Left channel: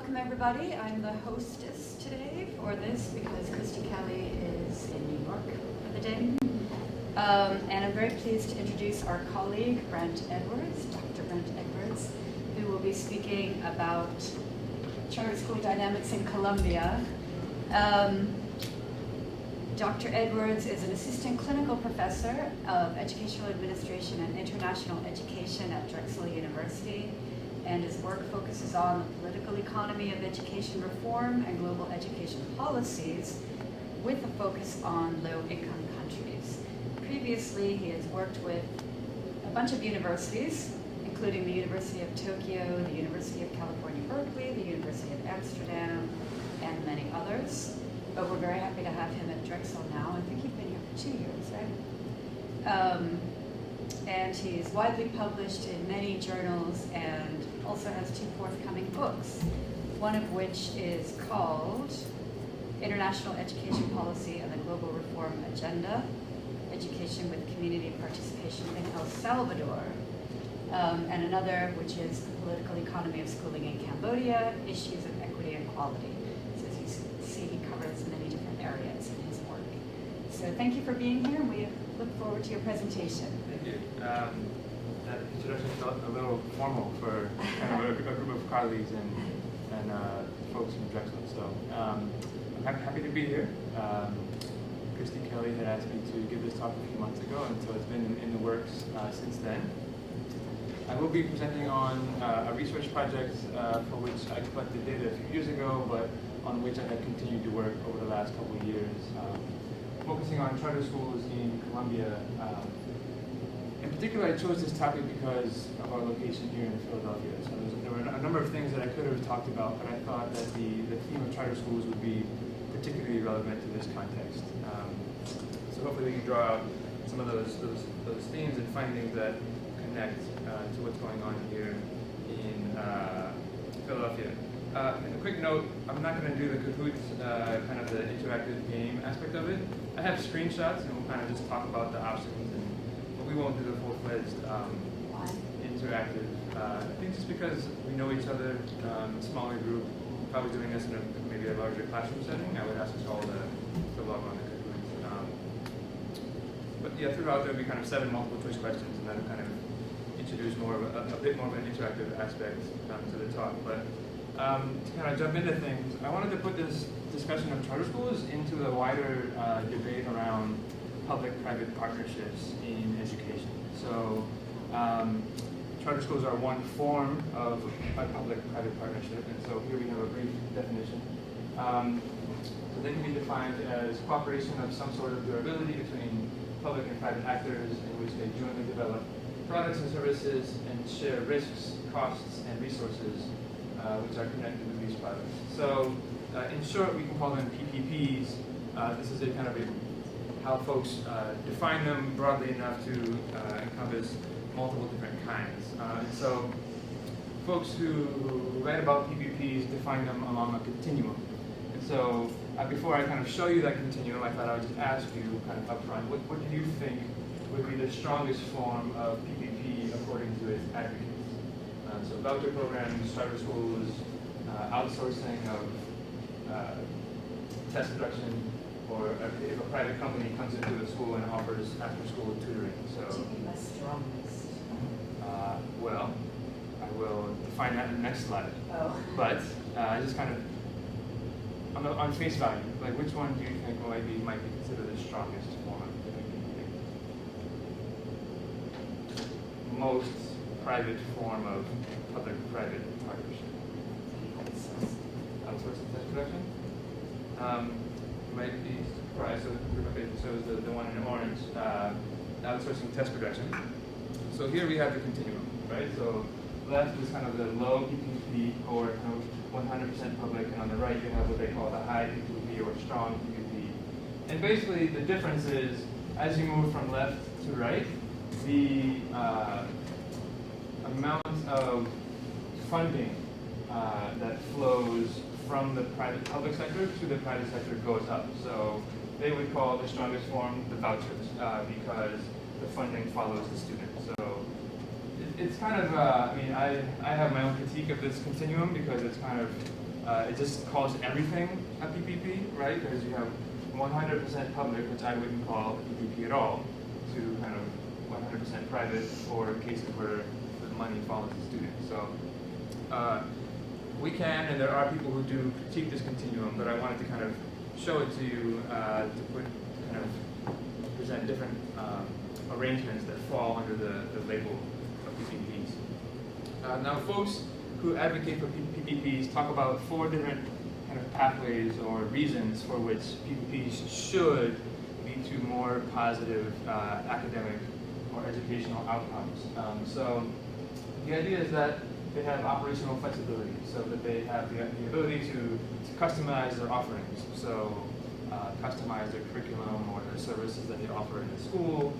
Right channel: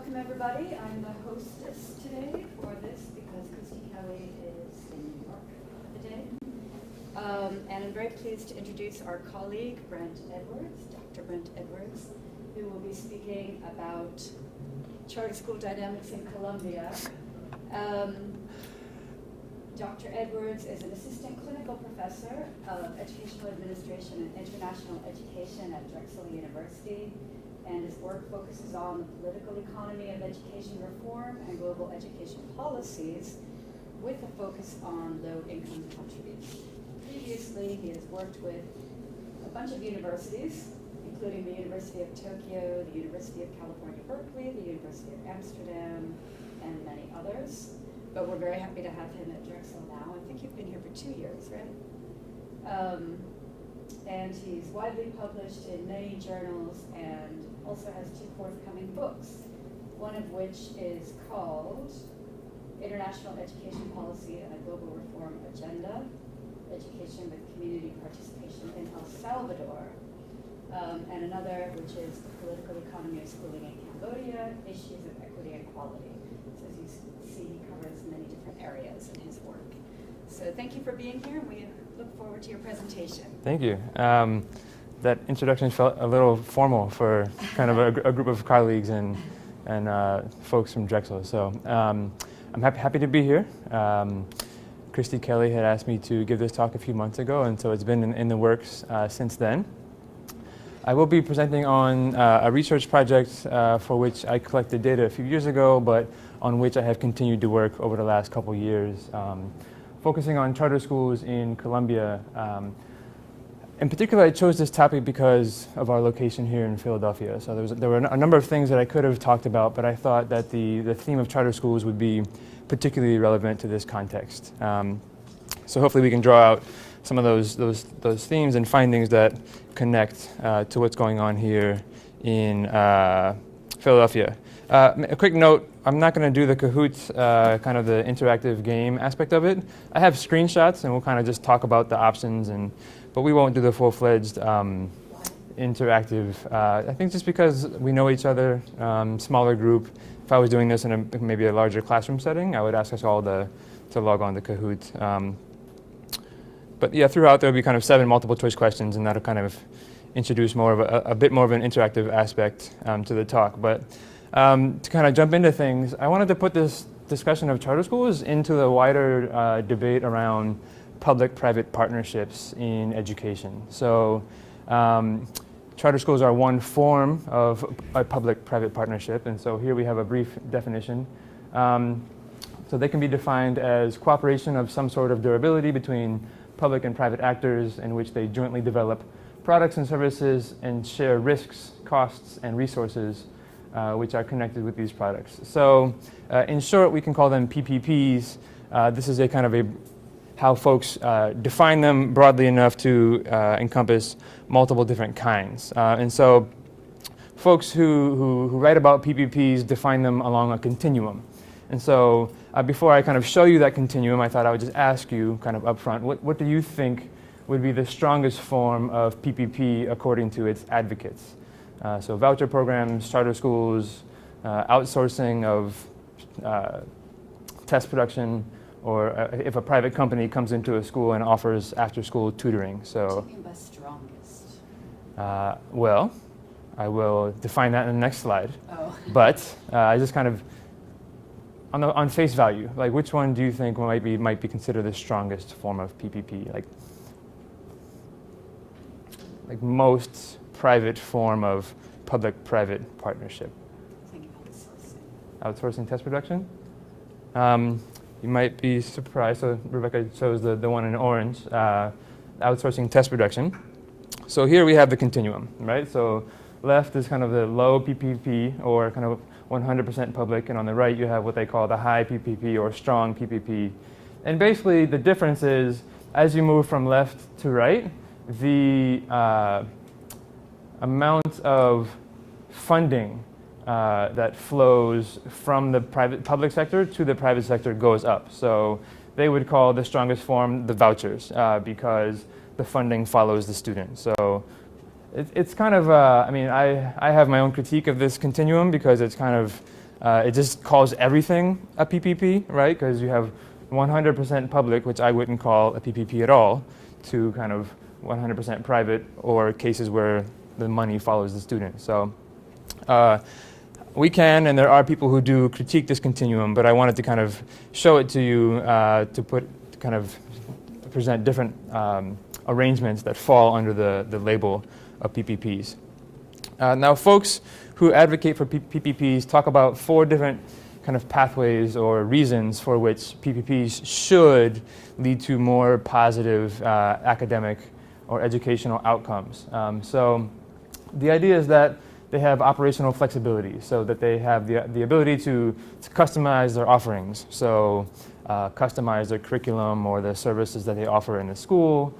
Welcome everybody. I'm the hostess today for this because Christy Kelly is in New York for the day. And I'm very pleased to introduce our colleague, Brent Edwards, Dr. Brent Edwards, who will be speaking about charter school dynamics in Colombia. Dr. Edwards is an assistant clinical professor of educational administration and international education at Drexel University, and his work focuses on the political economy of education reform and global education policies with a focus on low-income countries. Previously, he has worked with a bunch of universities, including the University of Tokyo, the University of California, Berkeley, the University of Amsterdam, and many others. But we're very happy to have him at Drexel now. I think you've been here for 2 years, right? And he's widely published in many journals and also has 2 forthcoming books, one of which is called International Education Policy and the Global Reform Agenda, Education with Community Participation in El Salvador, and another which is The Political Economy of Schooling in Cambodia, Issues of Equity and Quality. So as you see, he covers many different areas in his work. So thank you for being here, and we look forward to your presentation. Thank you. That introduction felt a little formal for kind of a group of colleagues and folks from Drexel. So I'm happy to be here. Christy Kelly had asked me to give this talk a few months ago, and so it's been in the works since then. I will be presenting on a research project for which I collected data a few years ago, but on which I have continued to work over the last couple years, focusing on charter schools in Colombia. In particular, I chose this topic because of our location here in Philadelphia. So there were a number of things that I could have talked about, but I thought that the theme of charter schools would be particularly relevant to this context. So hopefully we can draw out some of those themes and findings that connect to what's going on here in Philadelphia. A quick note, I'm not going to do the Kahoot, kind of the interactive game aspect of it. I have screenshots and we'll kind of just talk about the options, but we won't do the full-fledged interactive. I think just because we know each other, smaller group. If I was doing this in maybe a larger classroom setting, I would ask us all to log on to Kahoot. But yeah, throughout there'll be kind of 7 multiple choice questions, and that'll kind of introduce more of a bit more of an interactive aspect to the talk. But to kind of jump into things, I wanted to put this discussion of charter schools into the wider debate around public-private partnerships in education. So charter schools are one form of a public-private partnership, and so here we have a brief definition. So they can be defined as cooperation of some sort of durability between public and private actors in which they jointly develop products and services and share risks, costs, and resources which are connected with these products. So in short, we can call them PPPs. This is a kind of how folks define them broadly enough to encompass multiple different kinds. And so folks who write about PPPs define them along a continuum. And so before I kind of show you that continuum, I thought I would just ask you kind of upfront, what do you think would be the strongest form of PPP according to its advocates? So voucher programs, charter schools, outsourcing of test production, or if a private company comes into a school and offers after-school tutoring. So, The strongest. well, I will define that in the next slide. Oh. But I just kind of, on face value, like which one do you think might be considered the strongest form of PPP? Like most private form of public-private partnership. Outsourcing test production. You might be surprised, so Rebecca chose the one in orange, outsourcing test production. So here we have the continuum, right? So left is kind of the low PPP, or kind of 100% public, and on the right you have what they call the high PPP or strong PPP. And basically the difference is, as you move from left to right, the amount of funding that flows from the public sector to the private sector goes up. So they would call the strongest form the vouchers because the funding follows the student. So it's kind of, I mean, I have my own critique of this continuum because it's kind of It just calls everything a PPP, right? Because you have 100% public, which I wouldn't call a PPP at all, to kind of 100% private, or cases where the money follows the student. So we can, and there are people who do critique this continuum, but I wanted to kind of show it to you to kind of present different arrangements that fall under the label of PPPs. Now, folks who advocate for PPPs talk about 4 different kind of pathways or reasons for which PPPs should lead to more positive academic or educational outcomes. So the idea is that they have operational flexibility, so that they have the ability to customize their offerings. So customize their curriculum or the services that they offer in the school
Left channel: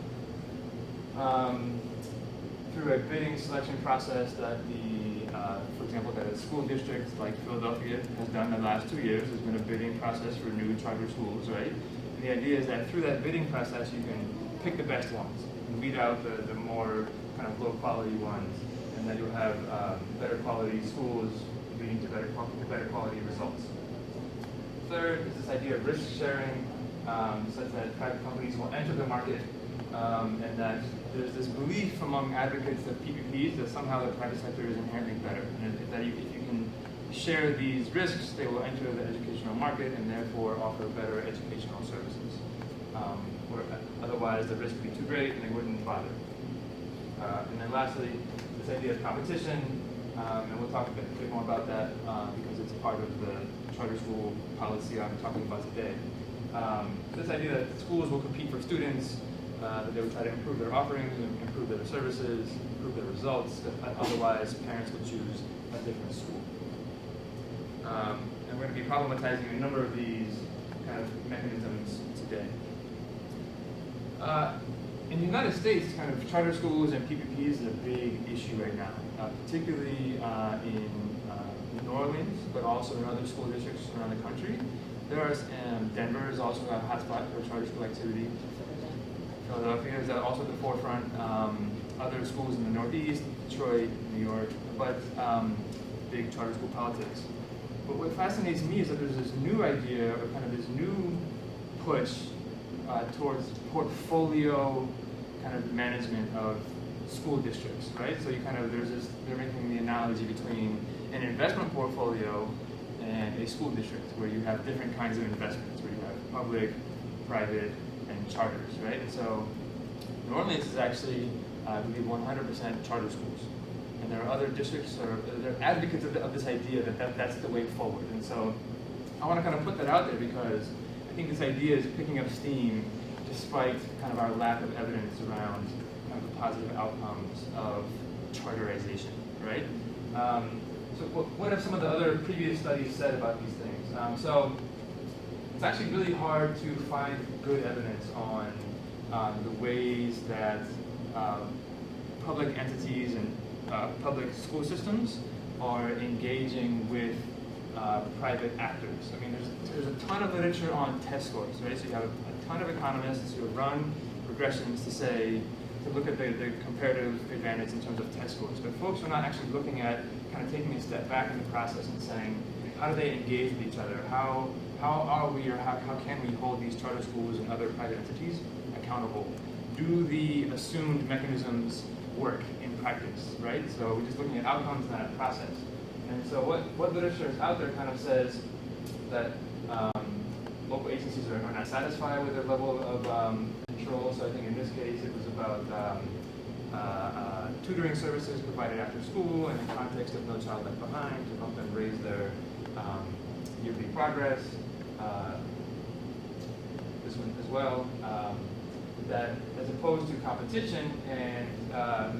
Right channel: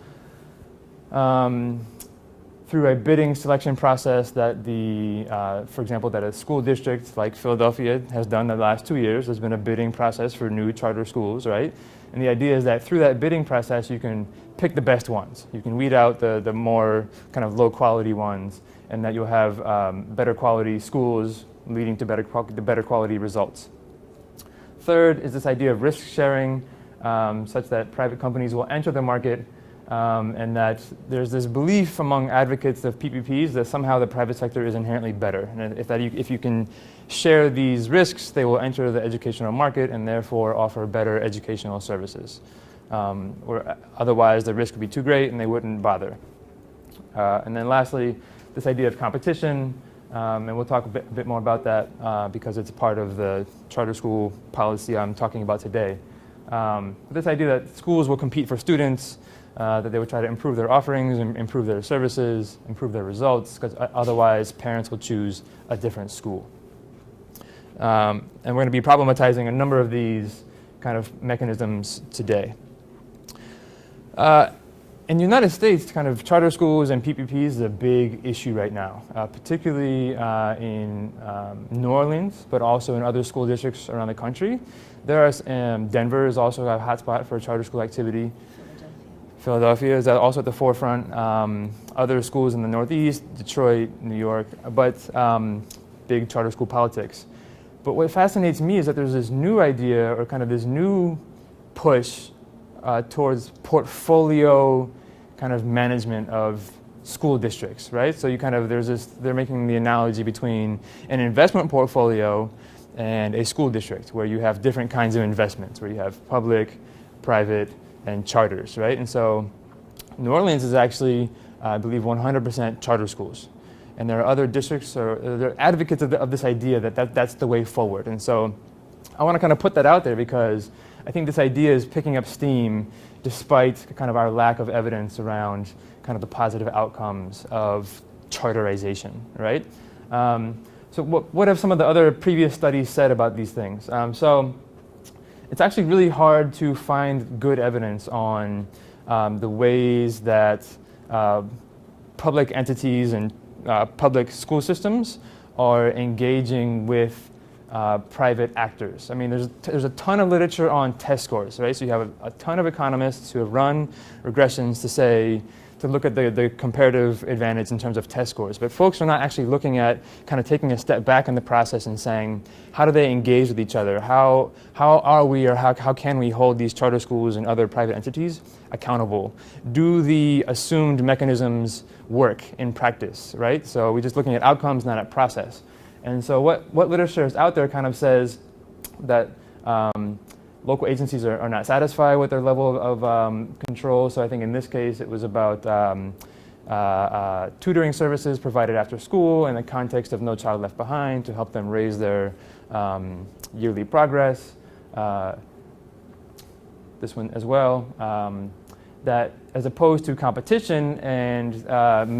through a bidding selection process that for example, that a school district like Philadelphia has done the last 2 years. There's been a bidding process for new charter schools, right? And the idea is that through that bidding process, you can pick the best ones. You can weed out the more kind of low quality ones, and that you'll have better quality schools leading to better quality results. Third is this idea of risk sharing, such that private companies will enter the market, and that there's this belief among advocates of PPPs that somehow the private sector is inherently better. And if you can share these risks, they will enter the educational market and therefore offer better educational services. Or otherwise, the risk would be too great and they wouldn't bother. And then lastly, this idea of competition, and we'll talk a bit more about that because it's a part of the charter school policy I'm talking about today. This idea that schools will compete for students, that they would try to improve their offerings, improve their services, improve their results, because otherwise parents will choose a different school. And we're going to be problematizing a number of these kind of mechanisms today. In the United States, kind of charter schools and PPPs is a big issue right now, particularly in New Orleans, but also in other school districts around the country. Denver is also a hotspot for charter school activity. Philadelphia is also at the forefront. Other schools in the Northeast, Detroit, New York, but big charter school politics. But what fascinates me is that there's this new idea, or kind of this new push towards portfolio kind of management of school districts, right? So they're making the analogy between an investment portfolio and a school district, where you have different kinds of investments, where you have public, private, and charters, right? And so New Orleans is actually, I believe, 100% charter schools. And there are other districts, or there are advocates of this idea that's the way forward. And so I want to kind of put that out there because I think this idea is picking up steam despite kind of our lack of evidence around kind of the positive outcomes of charterization, right? So what have some of the other previous studies said about these things? So it's actually really hard to find good evidence on the ways that public entities and public school systems are engaging with private actors. I mean, there's a ton of literature on test scores, right? So you have a ton of economists who have run regressions to look at the comparative advantage in terms of test scores. But folks are not actually looking at kind of taking a step back in the process and saying, how do they engage with each other? How are we, or how can we hold these charter schools and other private entities accountable? Do the assumed mechanisms work in practice, right? So we're just looking at outcomes, not at process. And so what literature is out there kind of says that local agencies are not satisfied with their level of control. So I think in this case it was about tutoring services provided after school in the context of No Child Left Behind to help them raise their yearly progress. This one as well. That as opposed to competition and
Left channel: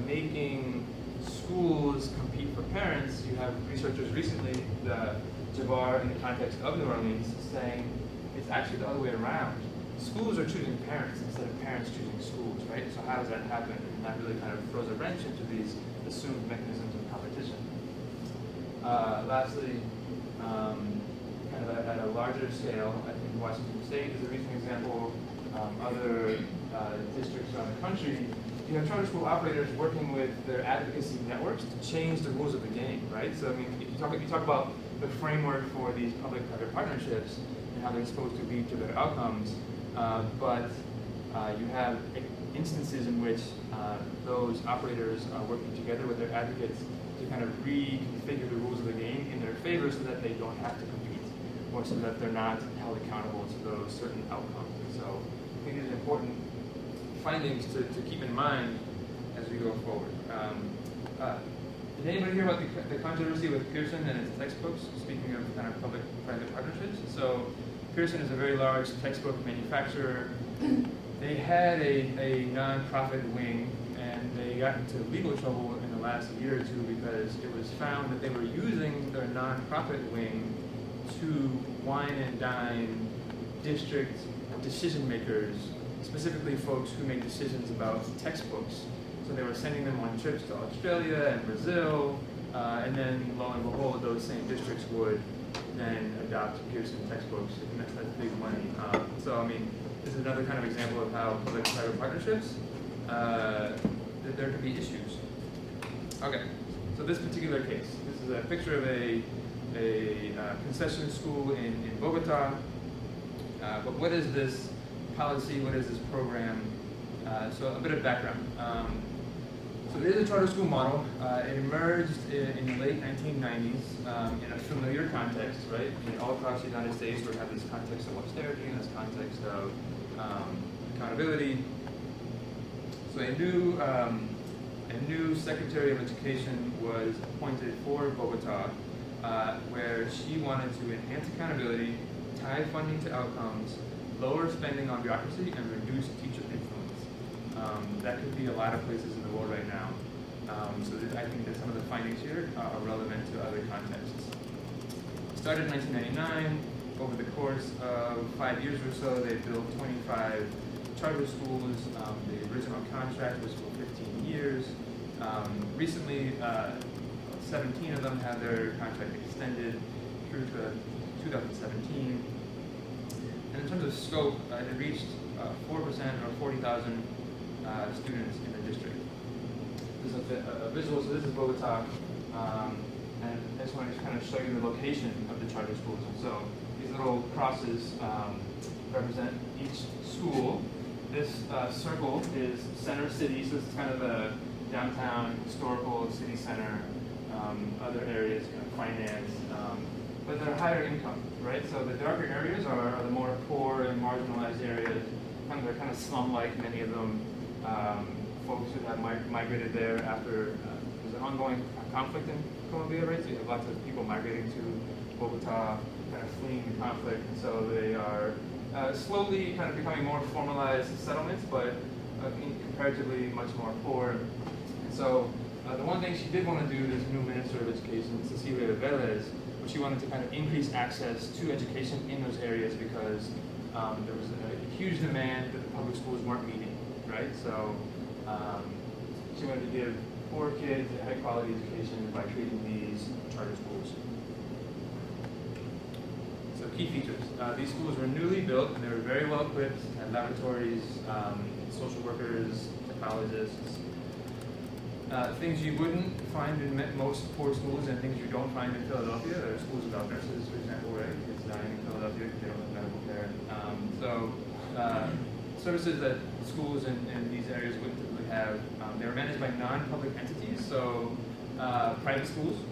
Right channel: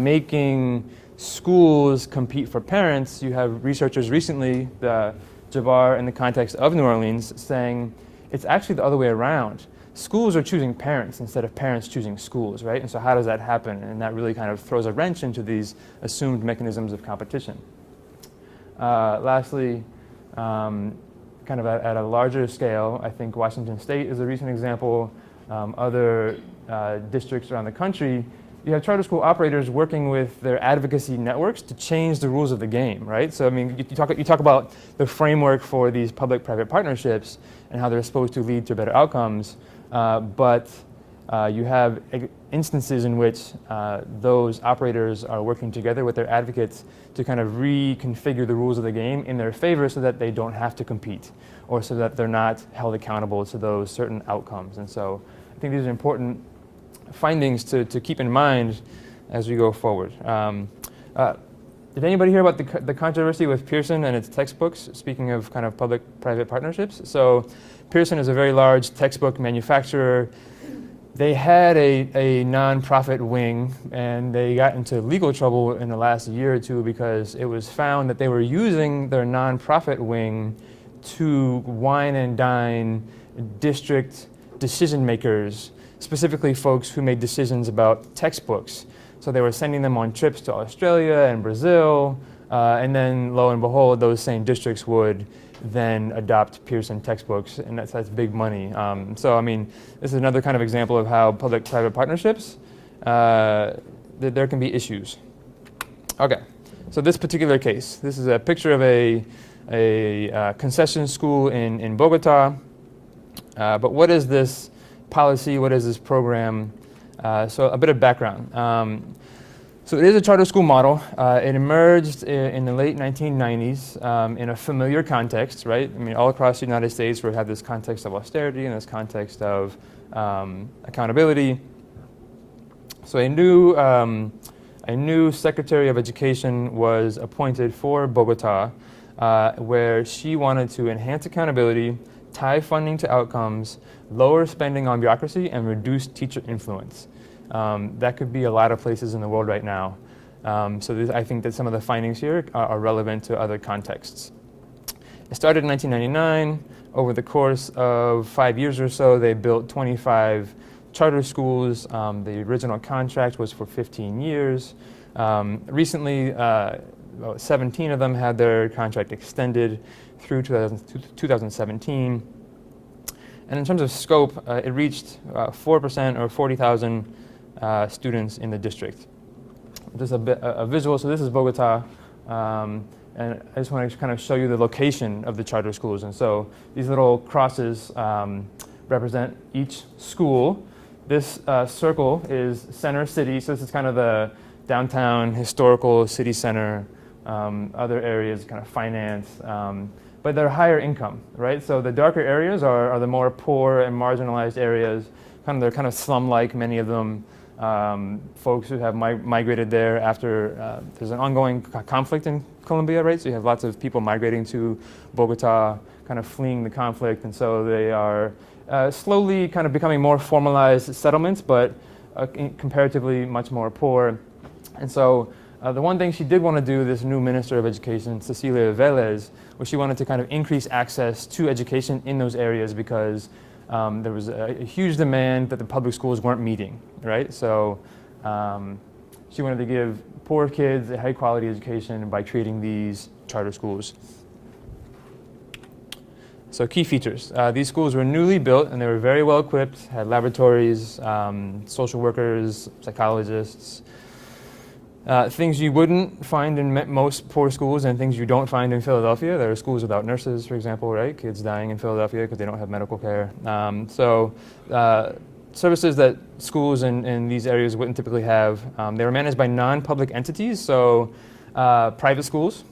making schools compete for parents, you have researchers recently, Javar in the context of New Orleans, saying it's actually the other way around. Schools are choosing parents instead of parents choosing schools, right? And so how does that happen? And that really kind of throws a wrench into these assumed mechanisms of competition. Lastly, kind of at a larger scale, I think Washington State is a recent example. Other districts around the country you have charter school operators working with their advocacy networks to change the rules of the game, right? So I mean, you talk about the framework for these public-private partnerships and how they're supposed to lead to better outcomes, but you have instances in which those operators are working together with their advocates to kind of reconfigure the rules of the game in their favor so that they don't have to compete, or so that they're not held accountable to those certain outcomes. And so I think these are important findings to keep in mind as we go forward. Did anybody hear about the controversy with Pearson and its textbooks, speaking of kind of public-private partnerships? So Pearson is a very large textbook manufacturer. They had a nonprofit wing, and they got into legal trouble in the last year or two because it was found that they were using their nonprofit wing to wine and dine district decision makers, specifically folks who made decisions about textbooks. So they were sending them on trips to Australia and Brazil, and then lo and behold, those same districts would then adopt Pearson textbooks, and that's big money. So I mean, this is another kind of example of how public-private partnerships, there can be issues. Okay, so this particular case, this is a picture of a concession school in Bogota. But what is this policy? What is this program? So a bit of background. So it is a charter school model. It emerged in the late 1990s in a familiar context, right? I mean, all across the United States, we have this context of austerity and this context of accountability. So a new Secretary of Education was appointed for Bogota, where she wanted to enhance accountability, tie funding to outcomes, lower spending on bureaucracy, and reduce teacher influence. That could be a lot of places in the world right now. I think that some of the findings here are relevant to other contexts. It started in 1999. Over the course of 5 years or so, they built 25 charter schools. The original contract was for 15 years. Recently, 17 of them had their contract extended through 2017. And in terms of scope, it reached 4% or 40,000 students in the district. This is a visual, so this is Bogota. And I just want to kind of show you the location of the charter schools. And so these little crosses represent each school. This circle is center city, so this is kind of the downtown historical city center, other areas, kind of finance, but they're higher income, right? So the darker areas are the more poor and marginalized areas. They're kind of slum-like, many of them. Folks who have migrated there after there's an ongoing conflict in Colombia, right? So you have lots of people migrating to Bogota, kind of fleeing the conflict, and so they are slowly kind of becoming more formalized settlements, but comparatively much more poor. And so the one thing she did want to do, this new Minister of Education, Cecilia Velez, was she wanted to kind of increase access to education in those areas because there was a huge demand that the public schools weren't meeting, right? So she wanted to give poor kids a high quality education by creating these charter schools. So key features. These schools were newly built and they were very well equipped, had laboratories, social workers, psychologists, things you wouldn't find in most poor schools and things you don't find in Philadelphia. There are schools without nurses, for example, right? Kids dying in Philadelphia because they don't have medical care. Services that schools in these areas wouldn't typically have. They were managed by non-public entities, so private schools,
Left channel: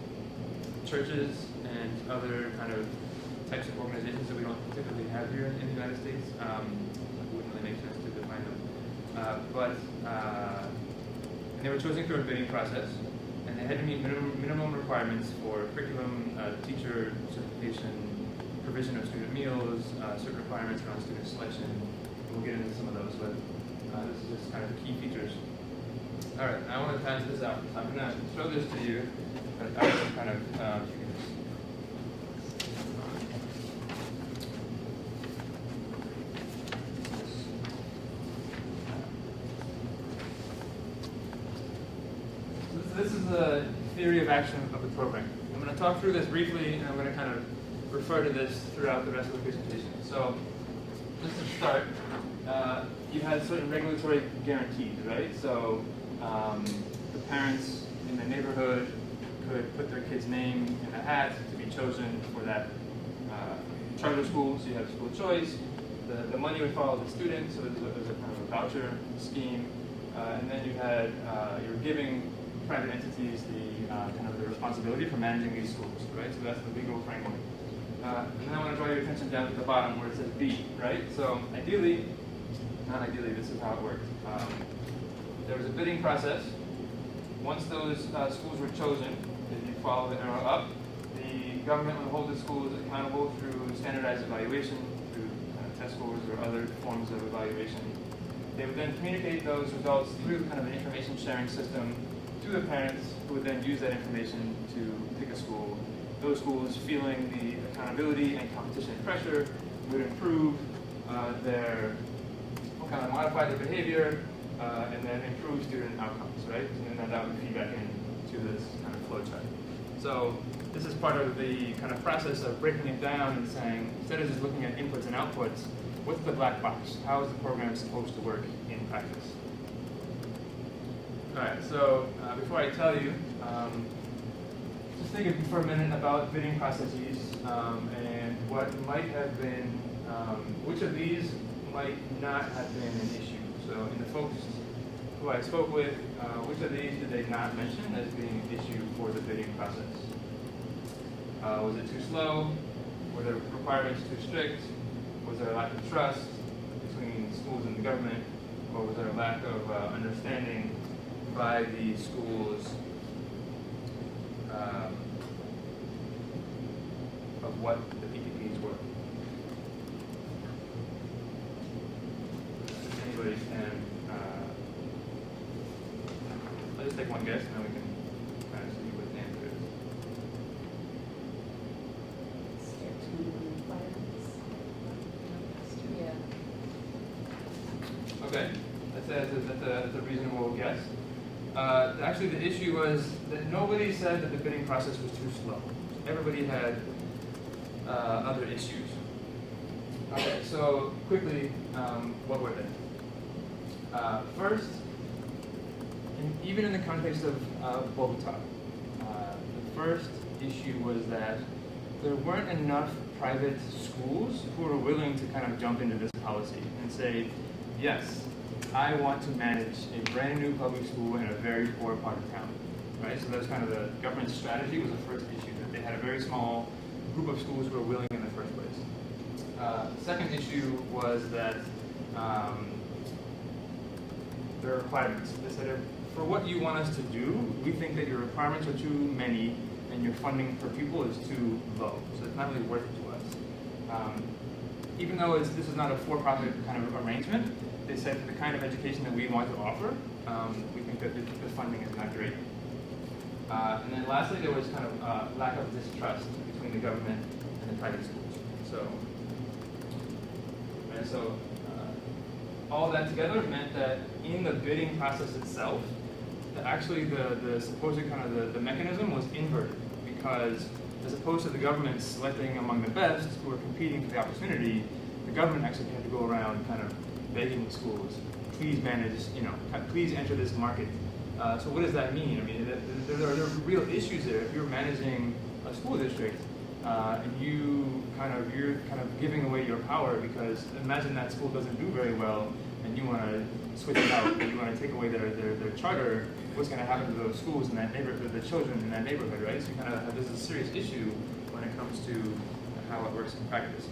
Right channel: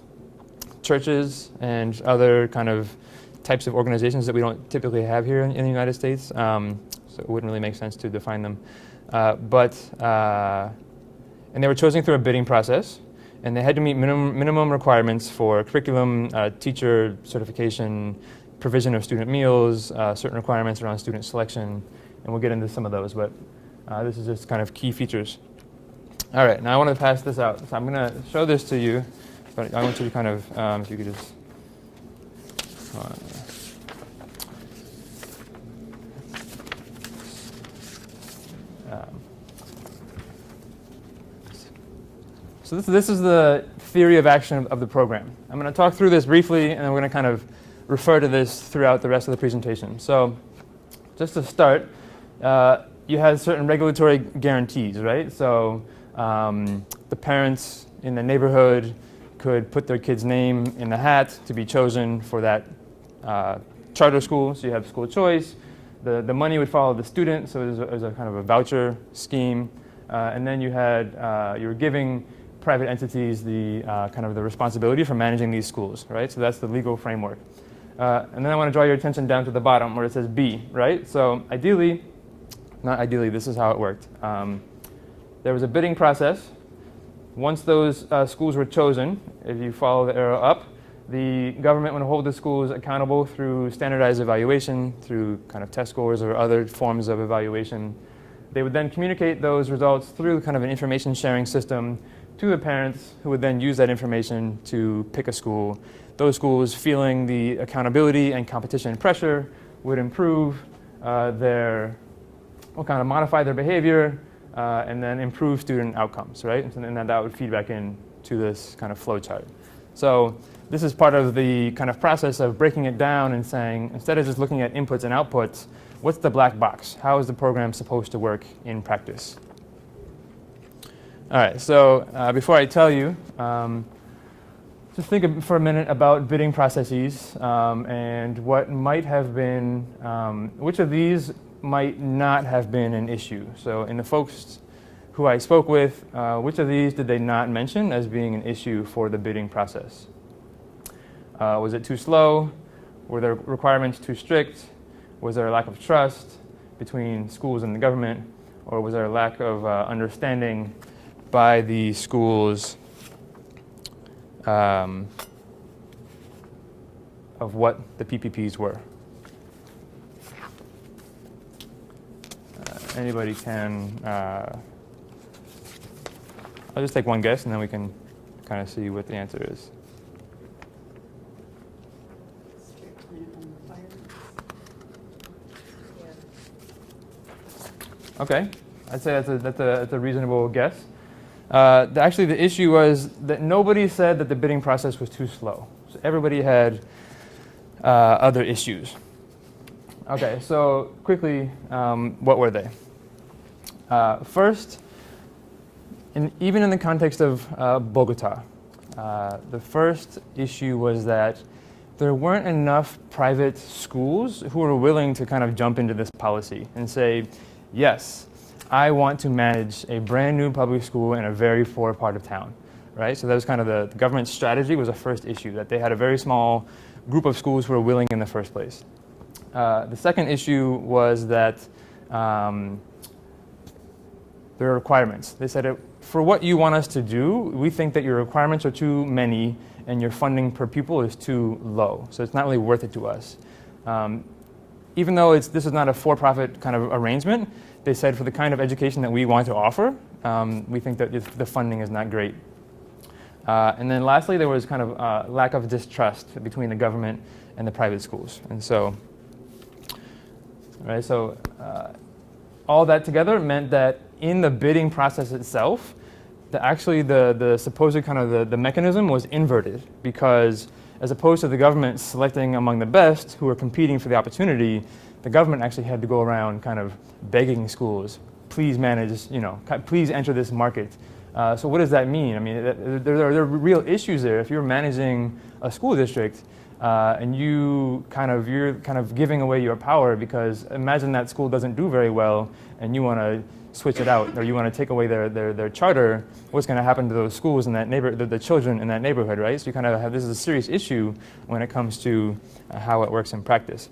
churches, and other kind of types of organizations that we don't typically have here in the United States. So it wouldn't really make sense to define them. And they were chosen through a bidding process, and they had to meet minimum requirements for curriculum, teacher certification, provision of student meals, certain requirements around student selection, and we'll get into some of those, but this is just kind of key features. All right, now I want to pass this out. So I'm going to show this to you, but I want you to kind of, if you could just, So this is the theory of action of the program. I'm going to talk through this briefly, and then we're going to kind of refer to this throughout the rest of the presentation. So just to start, you have certain regulatory guarantees, right? So The parents in the neighborhood could put their kid's name in the hat to be chosen for that charter school, so you have school choice. The money would follow the student, so it was a kind of a voucher scheme. And then you were giving private entities the kind of the responsibility for managing these schools, right? So that's the legal framework. And then I want to draw your attention down to the bottom where it says B, right? So not ideally, this is how it worked. There was a bidding process. Once those schools were chosen, if you follow the arrow up, the government would hold the schools accountable through standardized evaluation, through kind of test scores or other forms of evaluation. They would then communicate those results through kind of an information sharing system to the parents, who would then use that information to pick a school. Those schools, feeling the accountability and competition pressure, would improve kind of modify their behavior, and then improve student outcomes, right? And then that would feed back into this kind of flow chart. So this is part of the kind of process of breaking it down and saying, instead of just looking at inputs and outputs, what's the black box? How is the program supposed to work in practice? All right, so before I tell you, just think for a minute about bidding processes and what might have been, which of these might not have been an issue. So in the folks who I spoke with, which of these did they not mention as being an issue for the bidding process? Was it too slow? Were the requirements too strict? Was there a lack of trust between schools and the government? Or was there a lack of understanding by the schools of what the PPPs were? Anybody can, I'll just take one guess and then we can kind of see what the answer is. Okay, I'd say that's a reasonable guess. Actually, the issue was that nobody said that the bidding process was too slow. So everybody had other issues. Okay, so quickly, what were they? First, even in the context of Bogota, the first issue was that there weren't enough private schools who were willing to kind of jump into this policy and say, yes, I want to manage a brand new public school in a very poor part of town, right? So that was kind of the government's strategy was the first issue, that they had a very small group of schools who were willing in the first place. The second issue was that there are requirements. They said, for what you want us to do, we think that your requirements are too many and your funding per pupil is too low. So it's not really worth it to us. Even though this is not a for-profit kind of arrangement, they said for the kind of education that we want to offer, we think that the funding is not great. And then lastly, there was kind of lack of distrust between the government and the private schools. And so, right, so all that together meant that in the bidding process itself, the supposed kind of the mechanism was inverted, because as opposed to the government selecting among the best who were competing for the opportunity, the government actually had to go around kind of begging schools, please manage, please enter this market. So what does that mean? I mean, there are real issues there. If you're managing a school district and you're kind of giving away your power, because imagine that school doesn't do very well and you want to switch it out, or you want to take away their charter, what's going to happen to those schools in that neighborhood, the children in that neighborhood, right? So you kind of have, this is a serious issue when it comes to how it works in practice.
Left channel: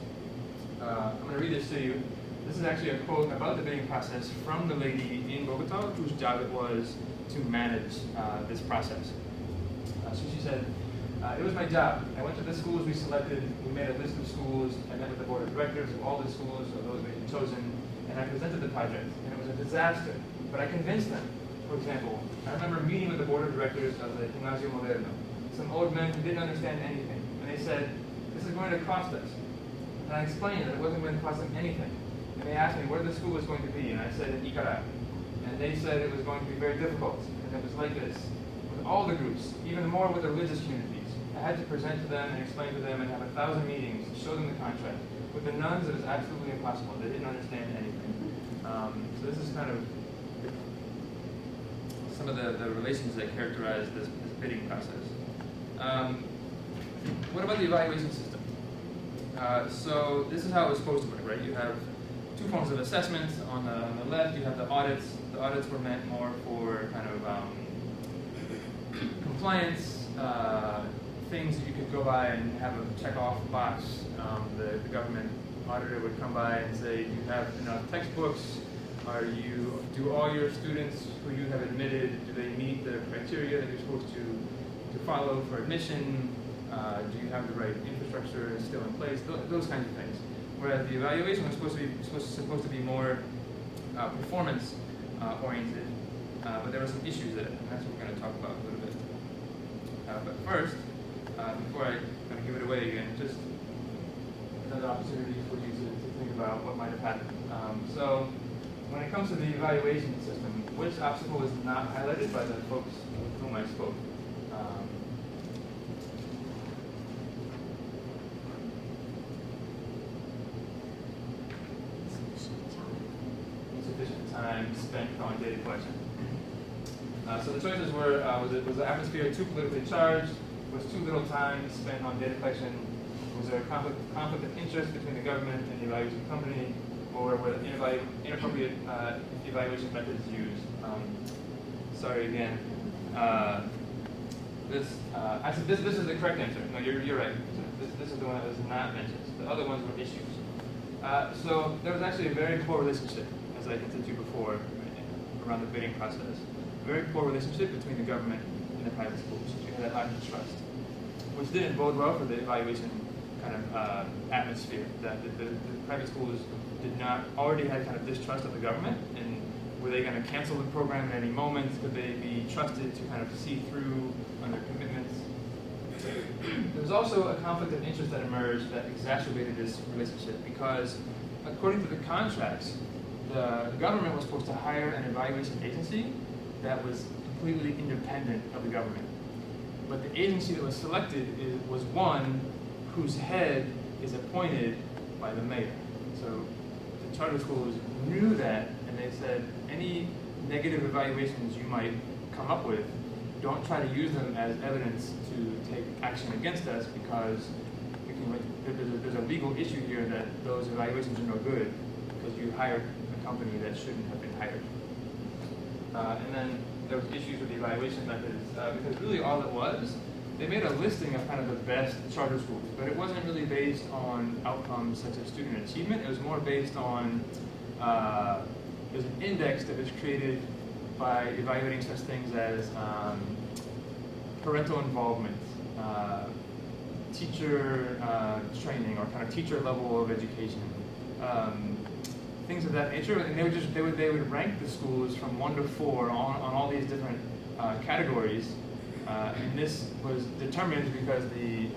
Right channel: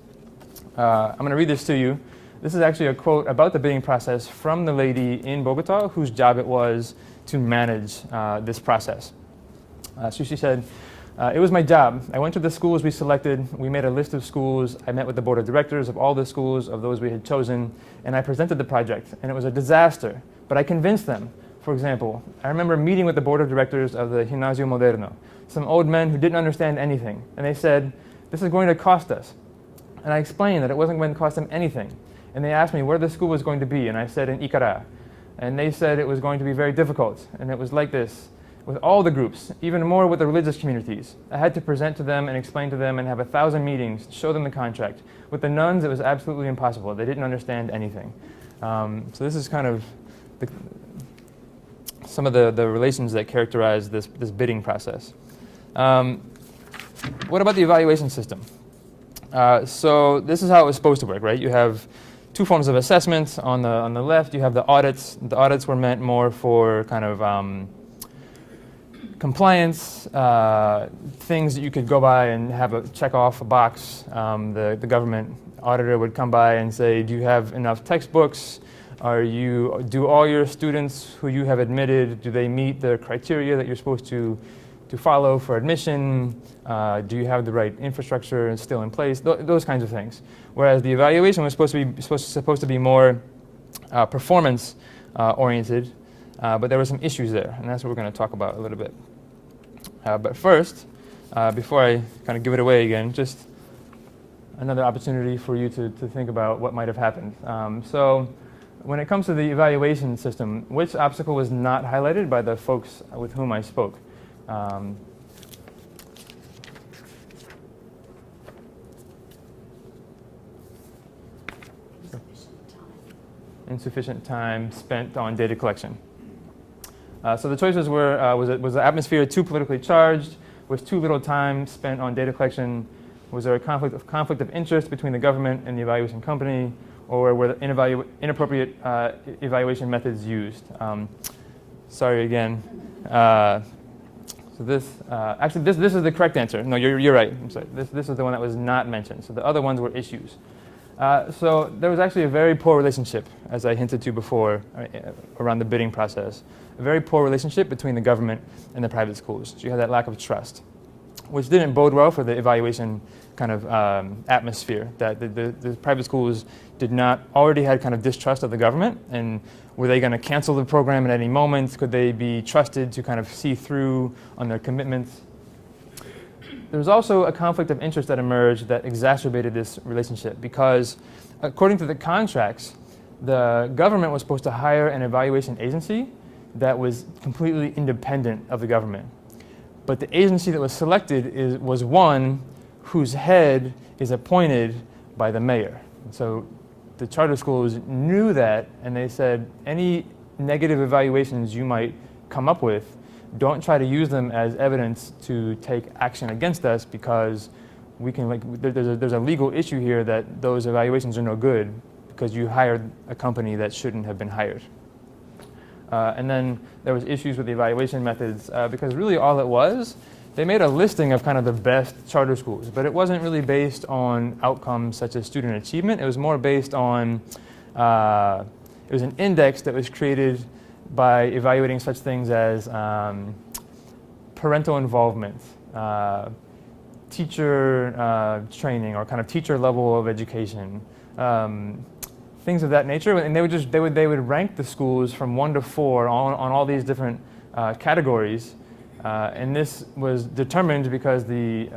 I'm going to read this to you. This is actually a quote about the bidding process from the lady in Bogota whose job it was to manage this process. So she said, it was my job. I went to the schools we selected. We made a list of schools. I met with the board of directors of all the schools of those we had chosen, and I presented the project. And it was a disaster, but I convinced them. For example, I remember meeting with the board of directors of the Gimnasio Moderno, some old men who didn't understand anything. And they said, this is going to cost us. And I explained that it wasn't going to cost them anything. And they asked me where the school was going to be, and I said in Icara. And they said it was going to be very difficult. And it was like this with all the groups, even more with the religious communities. I had to present to them and explain to them and have 1,000 meetings, show them the contract. With the nuns, it was absolutely impossible. They didn't understand anything. So this is kind of some of the relations that characterize this bidding process. What about the evaluation system? So this is how it was supposed to work, right? You have two forms of assessments. On the left, you have the audits. The audits were meant more for kind of compliance, things that you could go by and have a check off a box. The government auditor would come by and say, do you have enough textbooks? Do all your students who you have admitted, do they meet the criteria that you're supposed to follow for admission? Do you have the right infrastructure still in place? Those kinds of things. Whereas the evaluation was supposed to be more performance oriented, but there were some issues there, and that's what we're going to talk about a little bit. But first, before I kind of give it away again, just another opportunity for you to think about what might have happened. So when it comes to the evaluation system, which obstacle was not highlighted by the folks with whom I spoke? Insufficient time spent on data collection. So the choices were, was the atmosphere too politically charged? Was too little time spent on data collection? Was there a conflict of interest between the government and the evaluation company? Or were the inappropriate evaluation methods used? Sorry again. So this is the correct answer. No, you're right. I'm sorry. This is the one that was not mentioned. So the other ones were issues. So there was actually a very poor relationship, as I hinted to before, around the bidding process. A very poor relationship between the government and the private schools. So you had that lack of trust, which didn't bode well for the evaluation kind of atmosphere. That the private schools already had kind of distrust of the government, and were they going to cancel the program at any moment? Could they be trusted to kind of see through on their commitments? There was also a conflict of interest that emerged that exacerbated this relationship because, according to the contracts, the government was supposed to hire an evaluation agency that was completely independent of the government. But the agency that was selected was one whose head is appointed by the mayor. So the charter schools knew that, and they said, any negative evaluations you might come up with, don't try to use them as evidence to take action against us because we can, there's a legal issue here that those evaluations are no good because you hired a company that shouldn't have been hired. And then there was issues with the evaluation methods because really all it was, they made a listing of kind of the best charter schools, but it wasn't really based on outcomes such as student achievement. It was more based on, it was an index that was created by evaluating such things as parental involvement, teacher training, or kind of teacher level of education, things of that nature. And they would rank the schools from 1 to 4 on all these different categories. And this was determined because the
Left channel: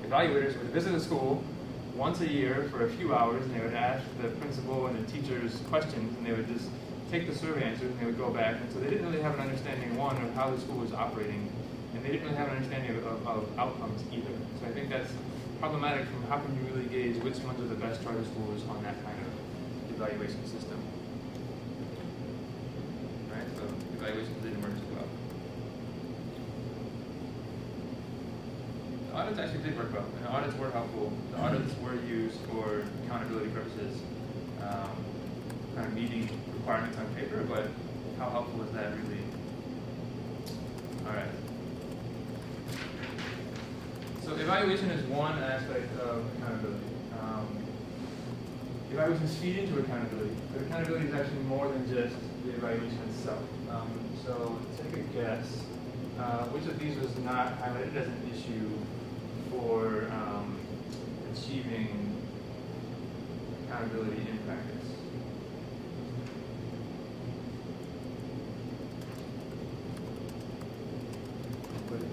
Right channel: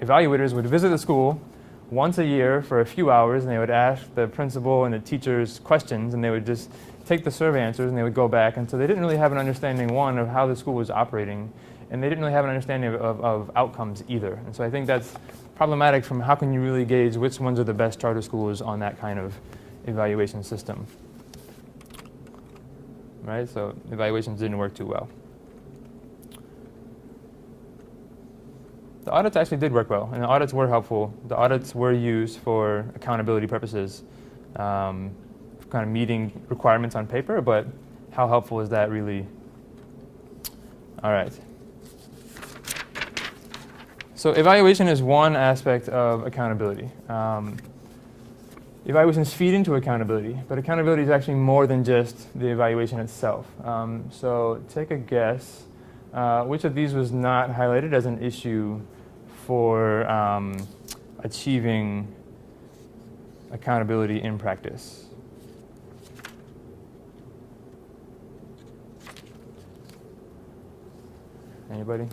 evaluators would visit the school once a year for a few hours, and they would ask the principal and the teachers questions, and they would just take the survey answers and they would go back. And so they didn't really have an understanding, one, of how the school was operating, and they didn't really have an understanding of outcomes either. And so I think that's problematic from how can you really gauge which ones are the best charter schools on that kind of evaluation system. Right? So evaluations didn't work too well. The audits actually did work well, and the audits were helpful. The audits were used for accountability purposes, kind of meeting requirements on paper, but how helpful is that really? All right. So evaluation is one aspect of accountability. Evaluations feed into accountability, but accountability is actually more than just the evaluation itself. So take a guess. Which of these was not highlighted as an issue for achieving accountability in practice? Anybody?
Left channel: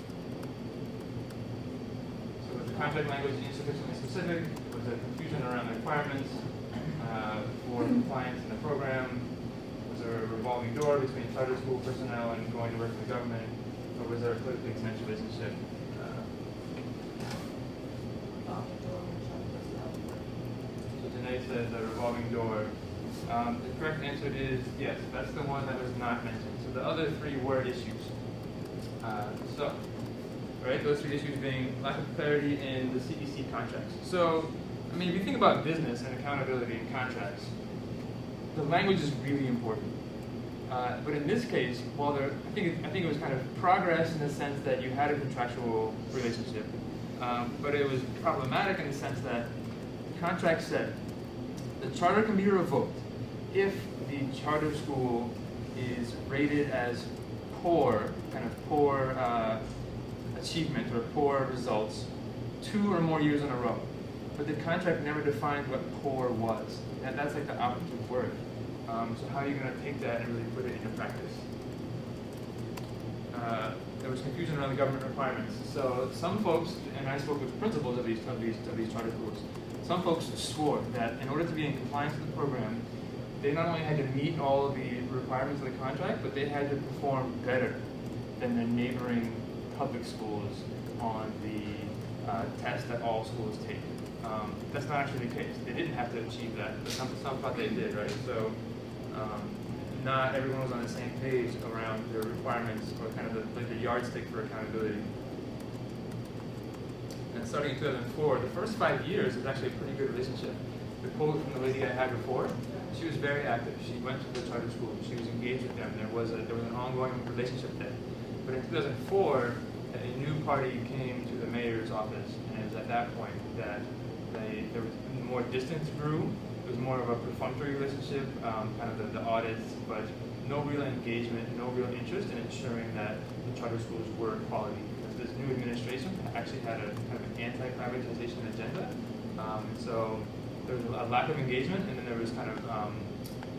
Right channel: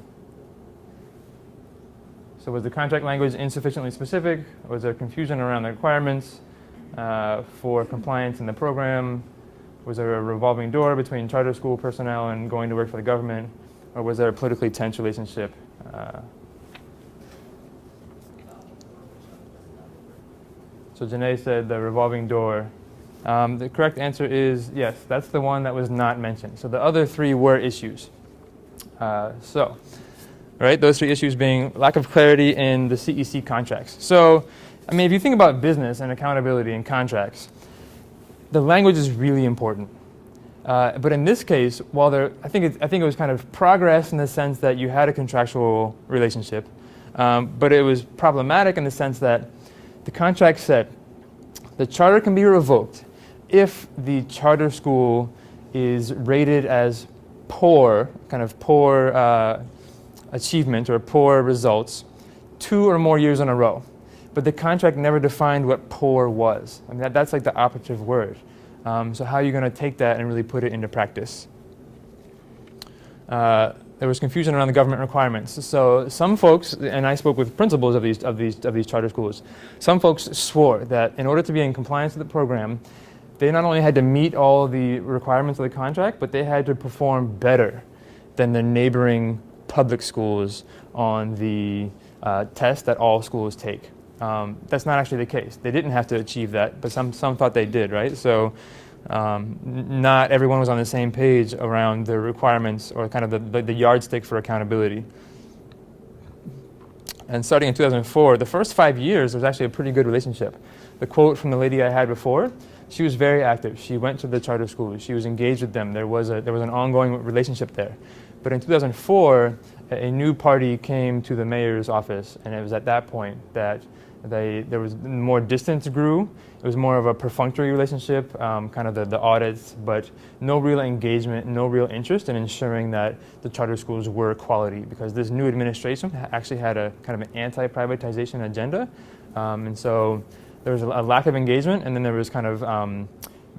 So was the contract language insufficiently specific? Was there confusion around the requirements for compliance in the program? Was there a revolving door between charter school personnel and going to work for the government? Or was there a politically tense relationship? So Janae said the revolving door The correct answer is yes, that's the one that was not mentioned. So the other three were issues. Right, those three issues being lack of clarity in the CEC contracts. So, I mean, if you think about business and accountability in contracts, the language is really important. But in this case, while I think it was kind of progress in the sense that you had a contractual relationship, but it was problematic in the sense that the contract said the charter can be revoked if the charter school is rated as poor, kind of poor achievement or poor results 2 or more years in a row. But the contract never defined what poor was. I mean, that's like the operative word. So how are you going to take that and really put it into practice? There was confusion around the government requirements. So some folks, and I spoke with principals of these charter schools, some folks swore that in order to be in compliance with the program, they not only had to meet all the requirements of the contract, but they had to perform better than the neighboring public schools on the test that all schools take. That's not actually the case. They didn't have to achieve that, but some thought they did, right? So not everyone was on the same page around the requirements or kind of the yardstick for accountability. And starting in 2004, the first 5 years, there was actually a pretty good relationship. The quote from the lady I had before, she was very active. She went to the charter schools. She was engaged with them. There was an ongoing relationship there. But in 2004, a new party came to the mayor's office, and it was at that point that there was more distance grew. It was more of a perfunctory relationship, kind of the audits, but no real engagement, no real interest in ensuring that the charter schools were quality, because this new administration actually had a kind of an anti-privatization agenda. And so there was a lack of engagement, and then there was kind of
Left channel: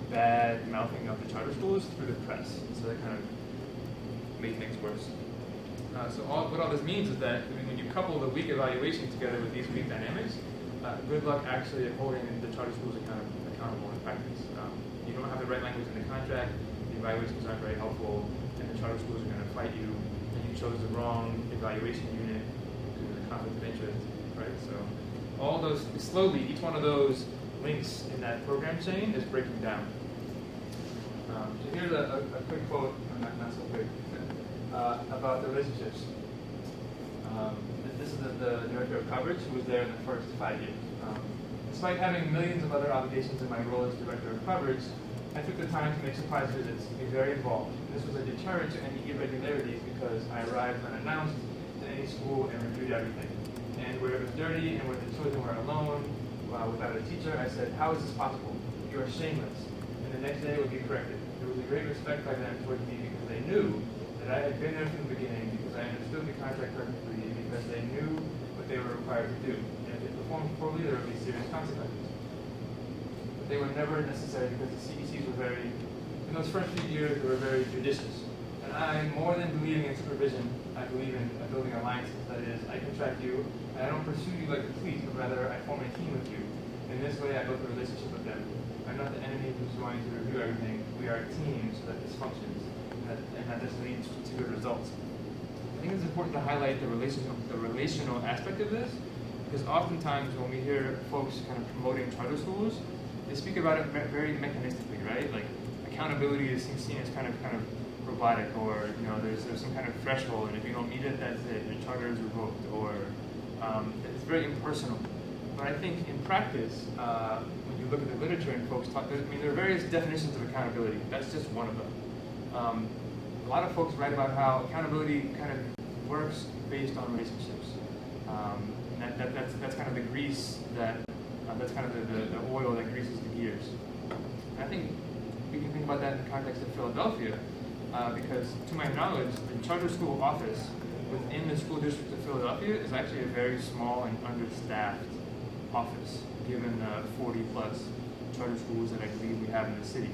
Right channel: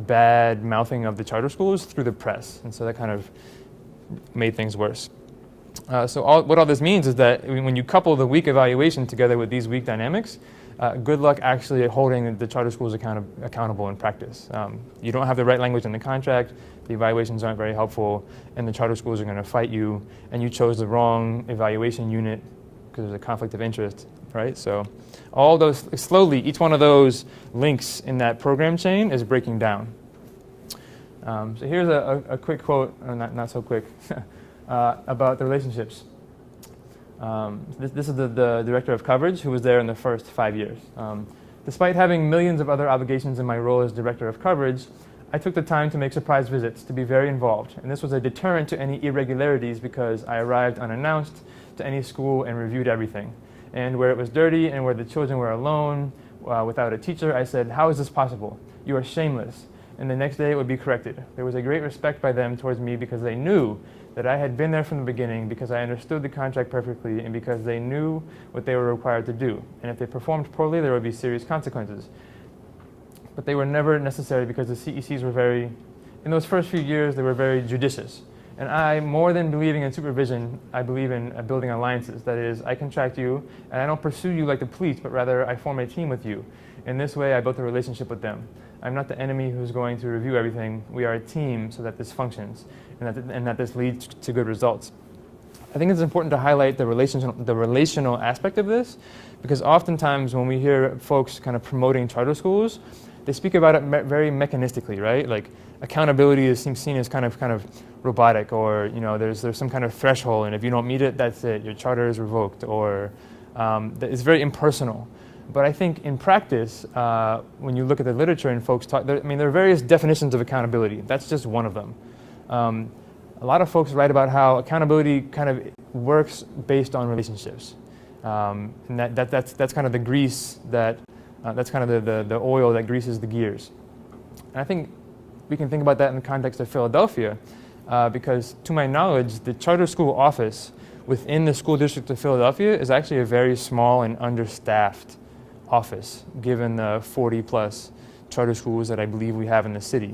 bad mouthing of the charter schools through the press. And so that kind of made things worse. So what all this means is that when you couple the weak evaluation together with these weak dynamics, good luck actually holding the charter schools accountable in practice. You don't have the right language in the contract, the evaluations aren't very helpful, and the charter schools are going to fight you, and you chose the wrong evaluation unit because there's a conflict of interest, right? So all those, slowly, each one of those links in that program chain is breaking down. So here's a quick quote, or not so quick, about the relationships. This is the director of coverage who was there in the first 5 years. Despite having millions of other obligations in my role as director of coverage, I took the time to make surprise visits to be very involved. And this was a deterrent to any irregularities because I arrived unannounced to any school and reviewed everything. And where it was dirty and where the children were alone without a teacher, I said, "How is this possible? You are shameless." And the next day it would be corrected. There was a great respect by them towards me because they knew that I had been there from the beginning, because I understood the contract perfectly, and because they knew what they were required to do. And if they performed poorly, there would be serious consequences. But they were never necessary because the CECs were in those first few years, they were very judicious. And I, more than believing in supervision, I believe in building alliances. That is, I contract you, and I don't pursue you like the police, but rather I form a team with you. In this way, I built a relationship with them. I'm not the enemy who's going to review everything. We are a team so that this functions, and that this leads to good results. I think it's important to highlight the relational aspect of this, because oftentimes when we hear folks kind of promoting charter schools, they speak about it very mechanistically, right? Like accountability is seen as kind of robotic, or there's some kind of threshold, and if you don't meet it, that's it. Your charter is revoked, or it's very impersonal. But I think in practice, when you look at the literature and folks talk, there are various definitions of accountability. That's just one of them. A lot of folks write about how accountability kind of works based on relationships. And that's kind of the grease that's kind of the oil that greases the gears. And I think we can think about that in the context of Philadelphia, because to my knowledge, the charter school office within the school district of Philadelphia is actually a very small and understaffed office, given the 40+ charter schools that I believe we have in the city.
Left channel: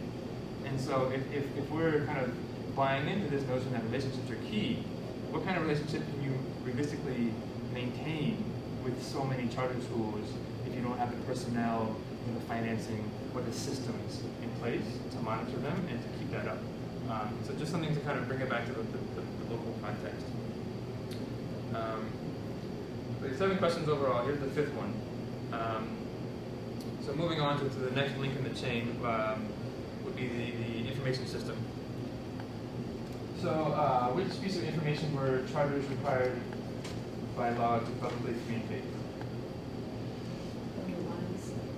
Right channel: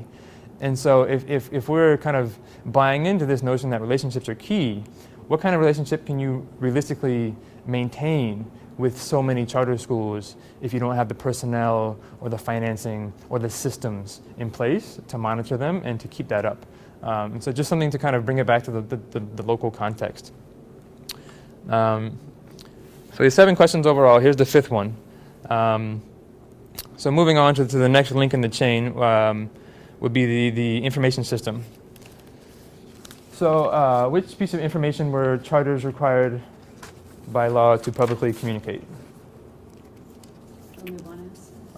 And so if we're kind of buying into this notion that relationships are key, what kind of relationship can you realistically maintain with so many charter schools if you don't have the personnel or the financing or the systems in place to monitor them and to keep that up? And so just something to kind of bring it back to the local context. So there's 7 questions overall. Here's the 5th one. So moving on to the next link in the chain would be the information system. So which piece of information were charters required by law to publicly communicate?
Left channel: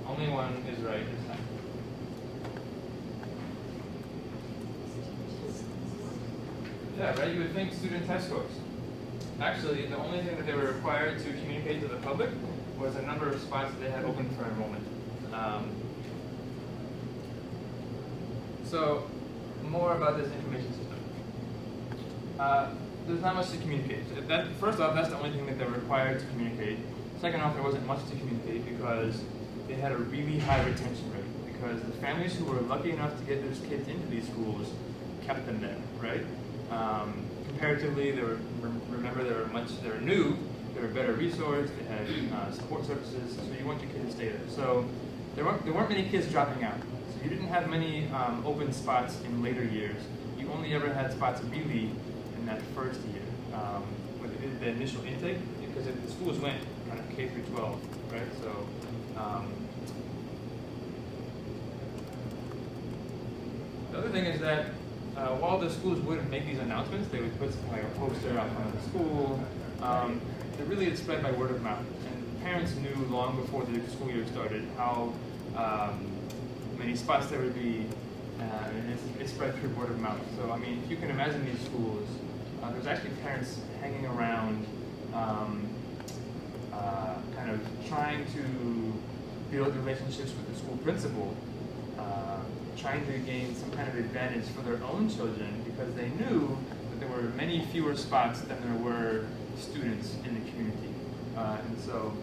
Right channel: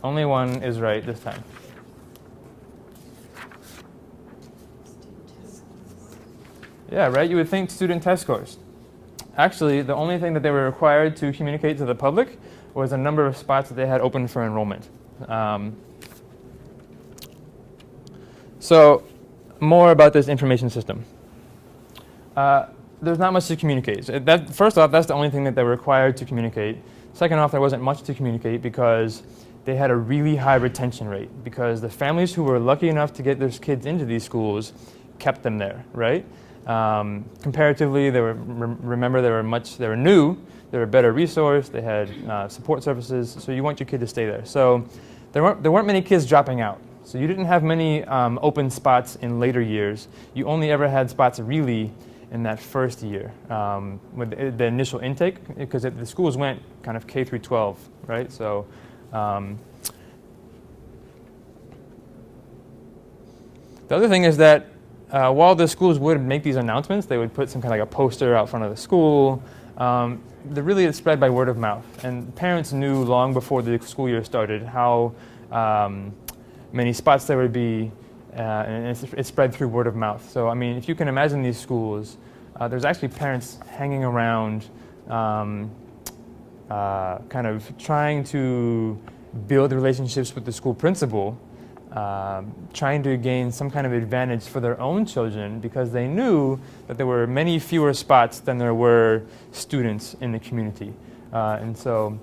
Only one is right this time. Yeah, right? You would think student test scores. Actually, the only thing that they were required to communicate to the public was a number of spots that they had open for enrollment. So more about this information system. There's not much to communicate. So first off, that's the only thing that they were required to communicate. Second off, there wasn't much to communicate because they had a really high retention rate, because the families who were lucky enough to get their kids into these schools kept them there, right? Comparatively, they were new, they were better resourced, they had support services, so you want your kid to stay there. So there weren't many kids dropping out. So you didn't have many open spots in later years. You only ever had spots really in that first year with the initial intake, because the schools went kind of K through 12, right? So the other thing is that while the schools would make these announcements, they would put some kind of like a poster out front of the school. Really it spread by word of mouth. And parents knew long before the school year started how many spots there would be, and it spread through word of mouth. So, I mean, if you can imagine these schools, there's actually parents hanging around kind of trying to build relationships with the school principal, trying to gain some kind of advantage for their own children, because they knew that there were many fewer spots than there were students in the community. And so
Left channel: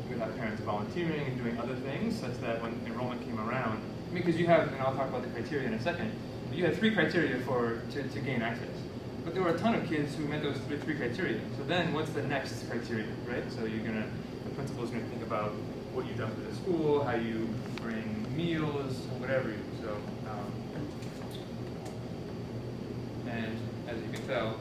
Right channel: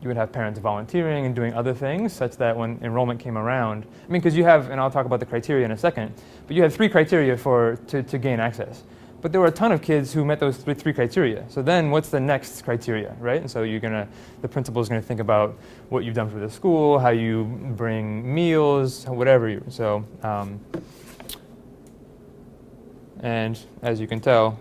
you would have parents volunteering and doing other things such that when enrollment came around, I mean, because you have, and I'll talk about the criteria in a second, but you had 3 criteria to gain access. But there were a ton of kids who met those three criteria. So then what's the next criteria, right? And so the principal's gonna think about what you've done for the school, how you bring meals, whatever you, so. And as you can tell,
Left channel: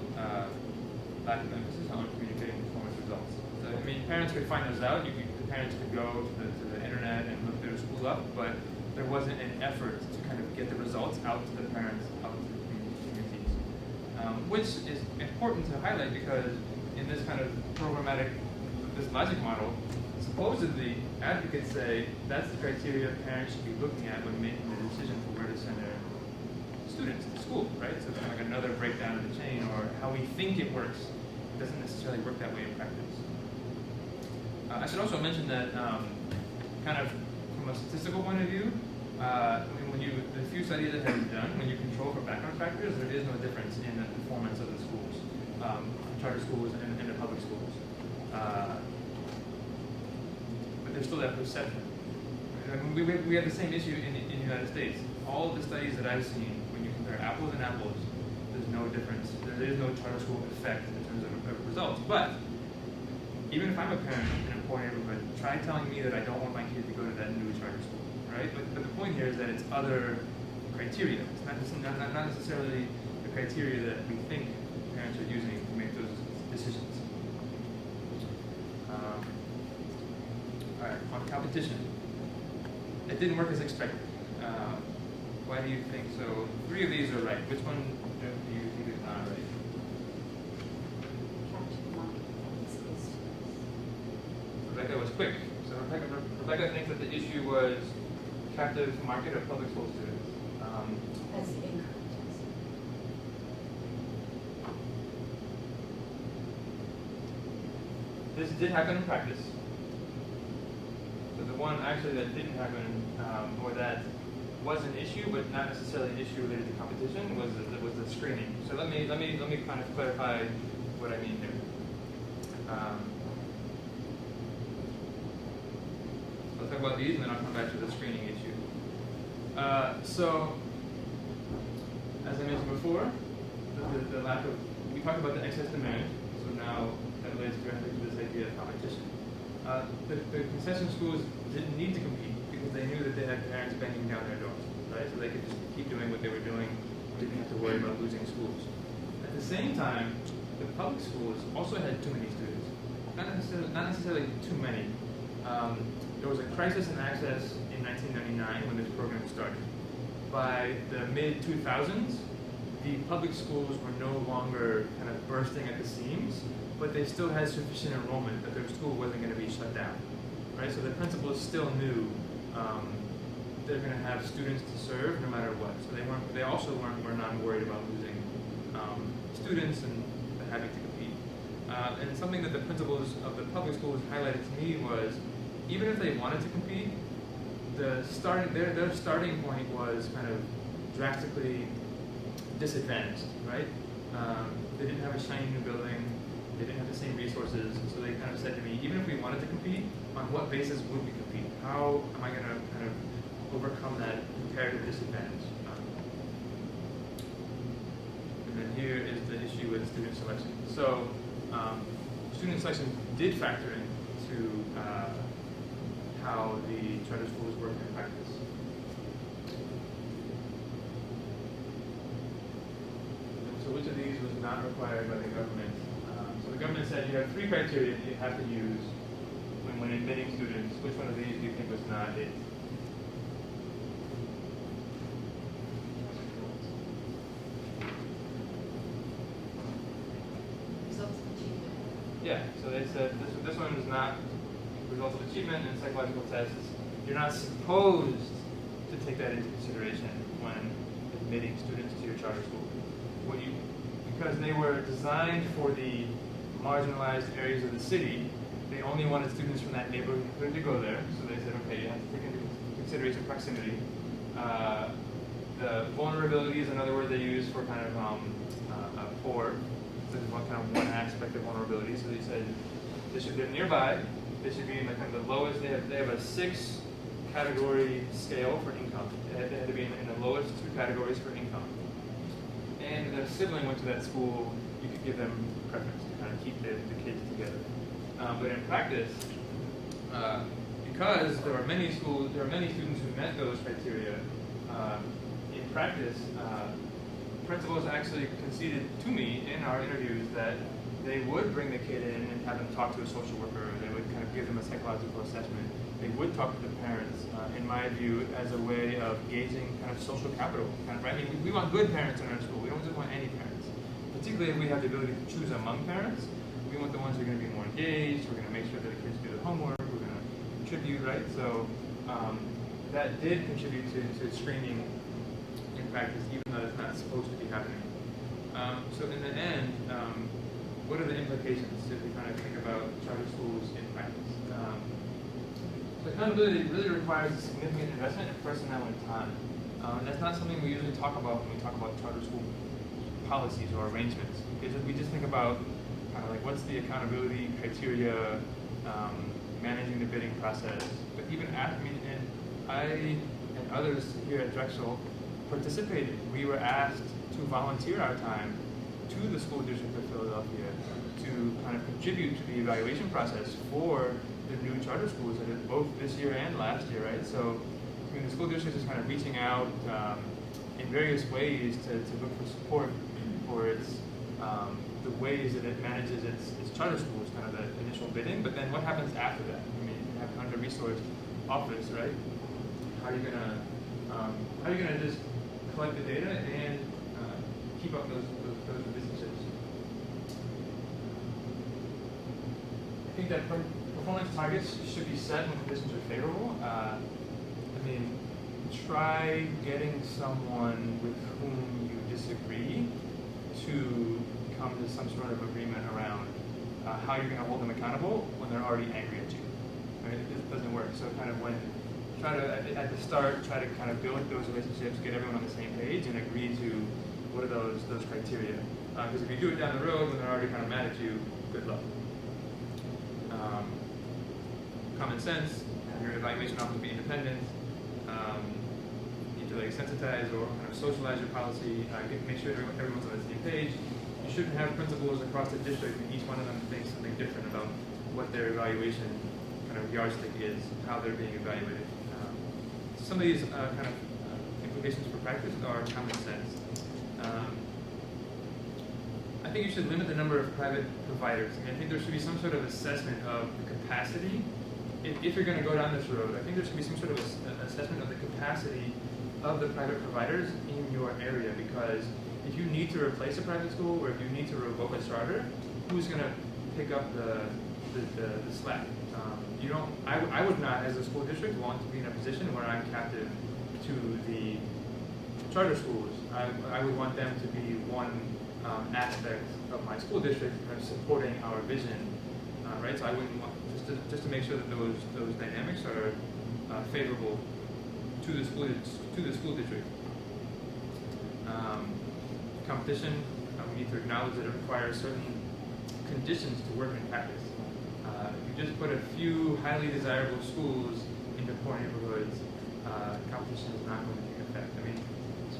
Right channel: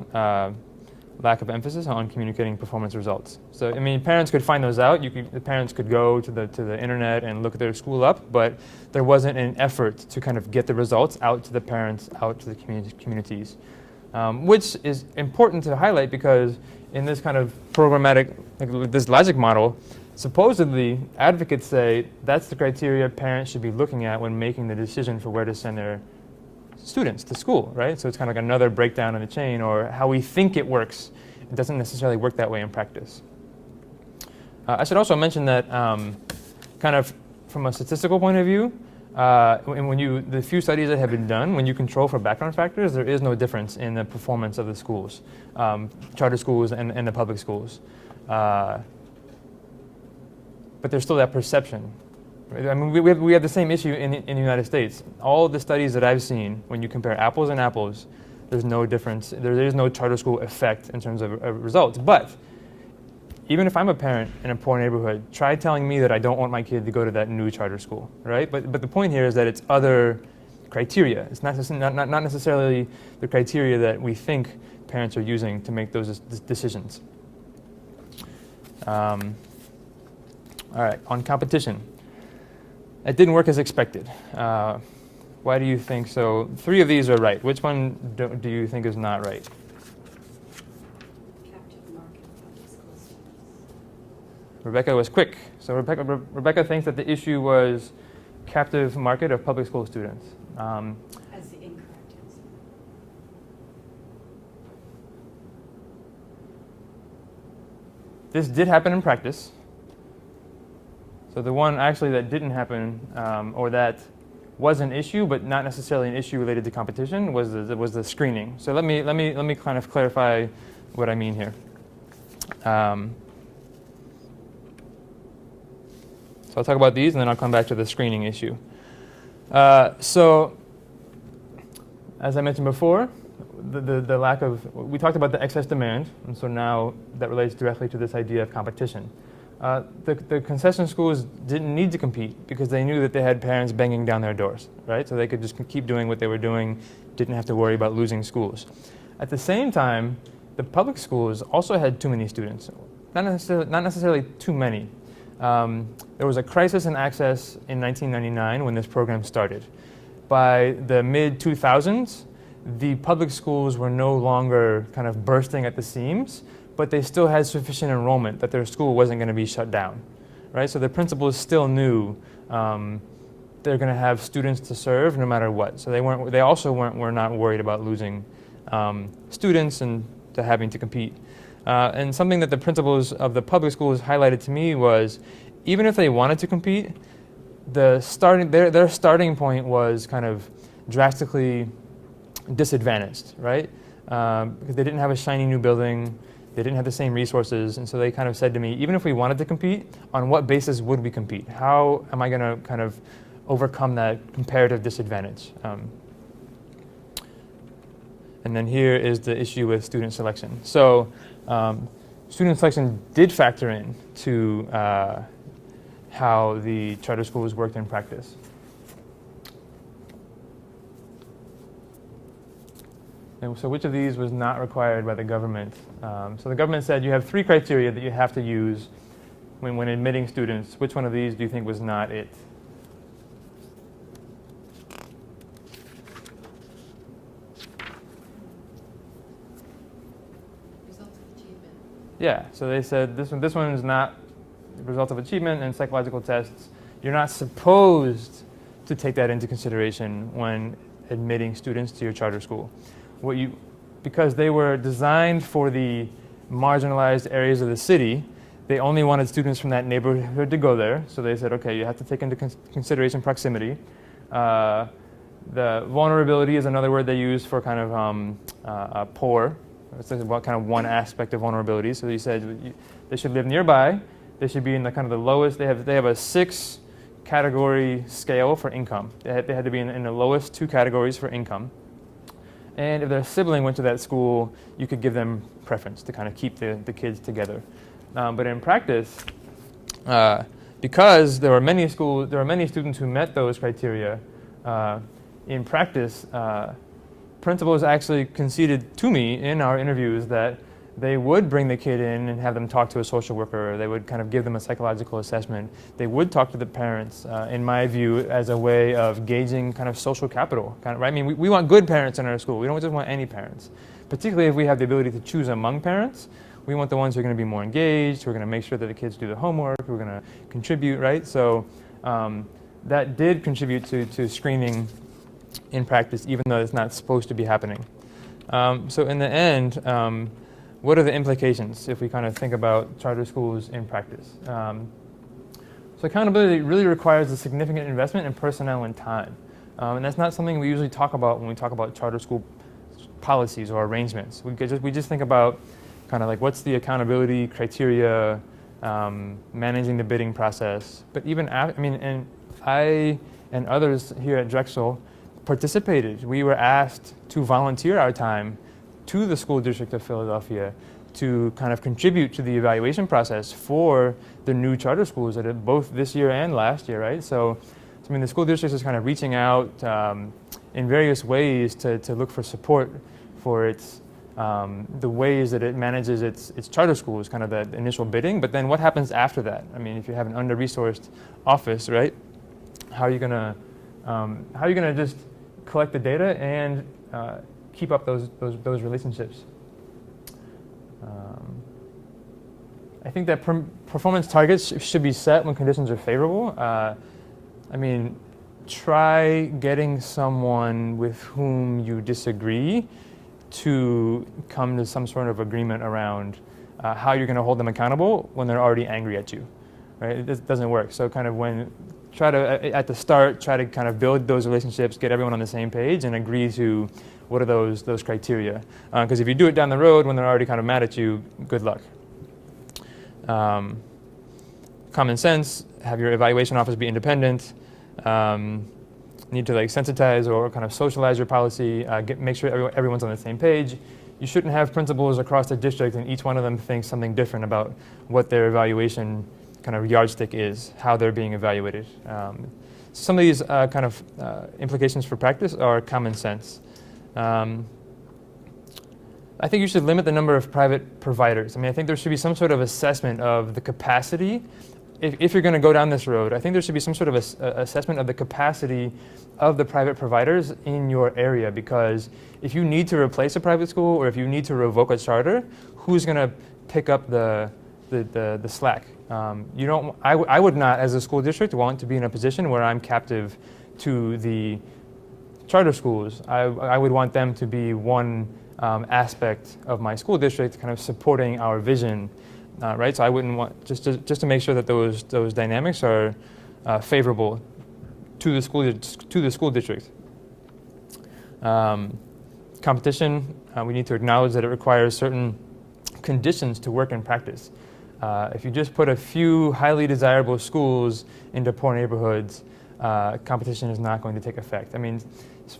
lack of emphasis on communicating performance results. So, I mean, parents could find those out. The parents could go to the internet and look their school up, but there wasn't an effort to kind of get the results out to the parents, out to the communities, which is important to highlight, because in this kind of programmatic, like this logic model, supposedly advocates say that's the criteria parents should be looking at when making the decision for where to send their students to school, right? So it's kind of like another breakdown in the chain, or how we think it works. It doesn't necessarily work that way in practice. I should also mention that kind of from a statistical point of view, the few studies that have been done, when you control for background factors, there is no difference in the performance of the schools, charter schools and the public schools. But there's still that perception. I mean, we have the same issue in the United States. All the studies that I've seen, when you compare apples and apples, there's no difference. There is no charter school effect in terms of results. But even if I'm a parent in a poor neighborhood, try telling me that I don't want my kid to go to that new charter school, right? But the point here is that it's other criteria. It's not necessarily the criteria that we think parents are using to make those decisions. All right, on competition. It didn't work as expected. Why do you think so? 3 of these are right. Which one do you think is not right? Rebecca was quick. So Rebecca thinks that the issue was captive market of public school students. As the incorrect answer. This did happen in practice. So the one actually that didn't happen, or that was an issue but not necessarily an issue related to competition, was the screening. So let me kind of clarify what I mean here. So I'll talk about these, and then I'll come back to the screening issue. So as I mentioned before, the lack of, we talked about the excess demand, and so now that relates directly to this idea of competition. The concession schools didn't need to compete because they knew that they had parents banging down their doors, right? So they could just keep doing what they were doing, didn't have to worry about losing schools. At the same time, the public schools also had too many students. Not necessarily too many. There was a crisis in access in 1999 when this program started. By the mid-2000s, the public schools were no longer kind of bursting at the seams, but they still had sufficient enrollment that their school wasn't going to be shut down, right? So the principals still knew they're going to have students to serve no matter what. So they also were not worried about losing students and to having to compete. And something that the principals of the public schools highlighted to me was, even if they wanted to compete, their starting point was kind of drastically disadvantaged, right? They didn't have a shiny new building, they didn't have the same resources, and so they kind of said to me, even if we wanted to compete, on what basis would we compete? How am I going to kind of overcome that comparative disadvantage? And then here is the issue with student selection. So student selection did factor in to how the charter schools worked in practice. And so which of these was not required by the government? So the government said you have 3 criteria that you have to use when admitting students. Which one of these do you think was not it? Results of achievement. Yeah, so they said this one is not result of achievement and psychological tests. You're not supposed to take that into consideration when admitting students to your charter school. Because they were designed for the marginalized areas of the city, they only wanted students from that neighborhood to go there. So they said, okay, you have to take into consideration proximity. The vulnerability is another word they use for kind of poor. It's about kind of one aspect of vulnerability. So they said they should live nearby. They should be in the kind of the lowest. They have a 6 category scale for income. They had to be in the lowest 2 categories for income. And if their sibling went to that school, you could give them preference to kind of keep the kids together. But in practice, because there were many students who met those criteria, in practice, principals actually conceded to me in our interviews that they would bring the kid in and have them talk to a social worker. They would kind of give them a psychological assessment. They would talk to the parents, in my view, as a way of gauging kind of social capital. Right? I mean, we want good parents in our school. We don't just want any parents. Particularly if we have the ability to choose among parents, we want the ones who are going to be more engaged, who are going to make sure that the kids do the homework, who are going to contribute, right? So that did contribute to screening in practice, even though it's not supposed to be happening. So in the end, what are the implications if we kind of think about charter schools in practice? So accountability really requires a significant investment in personnel and time. And that's not something we usually talk about when we talk about charter school policies or arrangements. We just think about kind of like what's the accountability criteria, managing the bidding process. But even and I and others here at Drexel participated. We were asked to volunteer our time to the school district of Philadelphia to kind of contribute to the evaluation process for the new charter schools that did both this year and last year, right? So, I mean, the school district is kind of reaching out in various ways to look for support for its the ways that it manages its charter schools, kind of that initial bidding. But then what happens after that? I mean, if you have an under-resourced office, right? How are you gonna just collect the data and keep up those relationships? I think that performance targets should be set when conditions are favorable. I mean, try getting someone with whom you disagree to come to some sort of agreement around how you're going to hold them accountable when they're already angry at you, right? It doesn't work. So kind of at the start, try to kind of build those relationships, get everyone on the same page, and agree to what are those criteria. Because if you do it down the road when they're already kind of mad at you, good luck. Common sense, have your evaluation office be independent. Need to like sensitize or kind of socialize your policy, make sure everyone's on the same page. You shouldn't have principals across the district and each one of them thinks something different about what their evaluation kind of yardstick is, how they're being evaluated. Some of these kind of implications for practice are common sense. I think you should limit the number of private providers. I mean, I think there should be some sort of assessment of the capacity if you're going to go down this road, I think there should be some sort of assessment of the capacity of the private providers in your area, because if you need to replace a private school or if you need to revoke a charter, who's going to pick up the slack? I would not, as a school district, want to be in a position where I'm captive to the charter schools. I would want them to be one aspect of my school district, kind of supporting our vision, right? So I wouldn't want, just to make sure that those dynamics are favorable to the school district. Competition, we need to acknowledge that it requires certain conditions to work in practice. If you just put a few highly desirable schools into poor neighborhoods, competition is not going to take effect. I mean,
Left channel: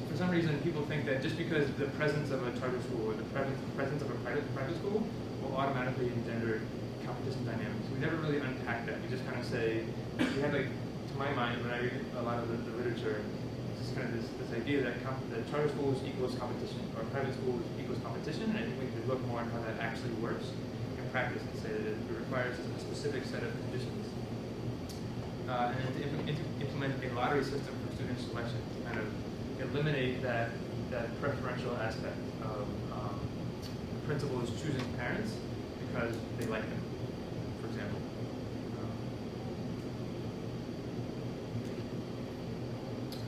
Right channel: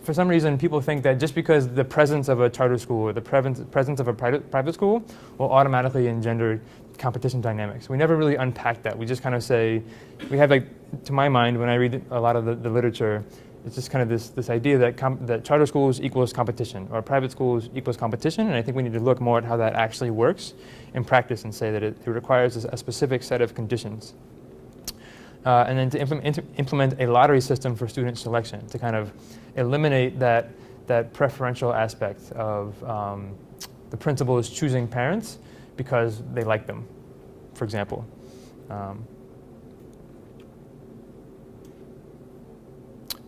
for some reason, people think that just because the presence of a charter school or the presence of a private school will automatically engender competition dynamics. We never really unpack that. We just kind of say, we have, like, to my mind, when I read a lot of the literature, it's just kind of this idea that charter schools equals competition, or private schools equals competition, and I think we need to look more at how that actually works in practice and say that it requires a specific set of conditions. And then to implement a lottery system for student selection to kind of eliminate that preferential aspect of the principals choosing parents because they like them, for example.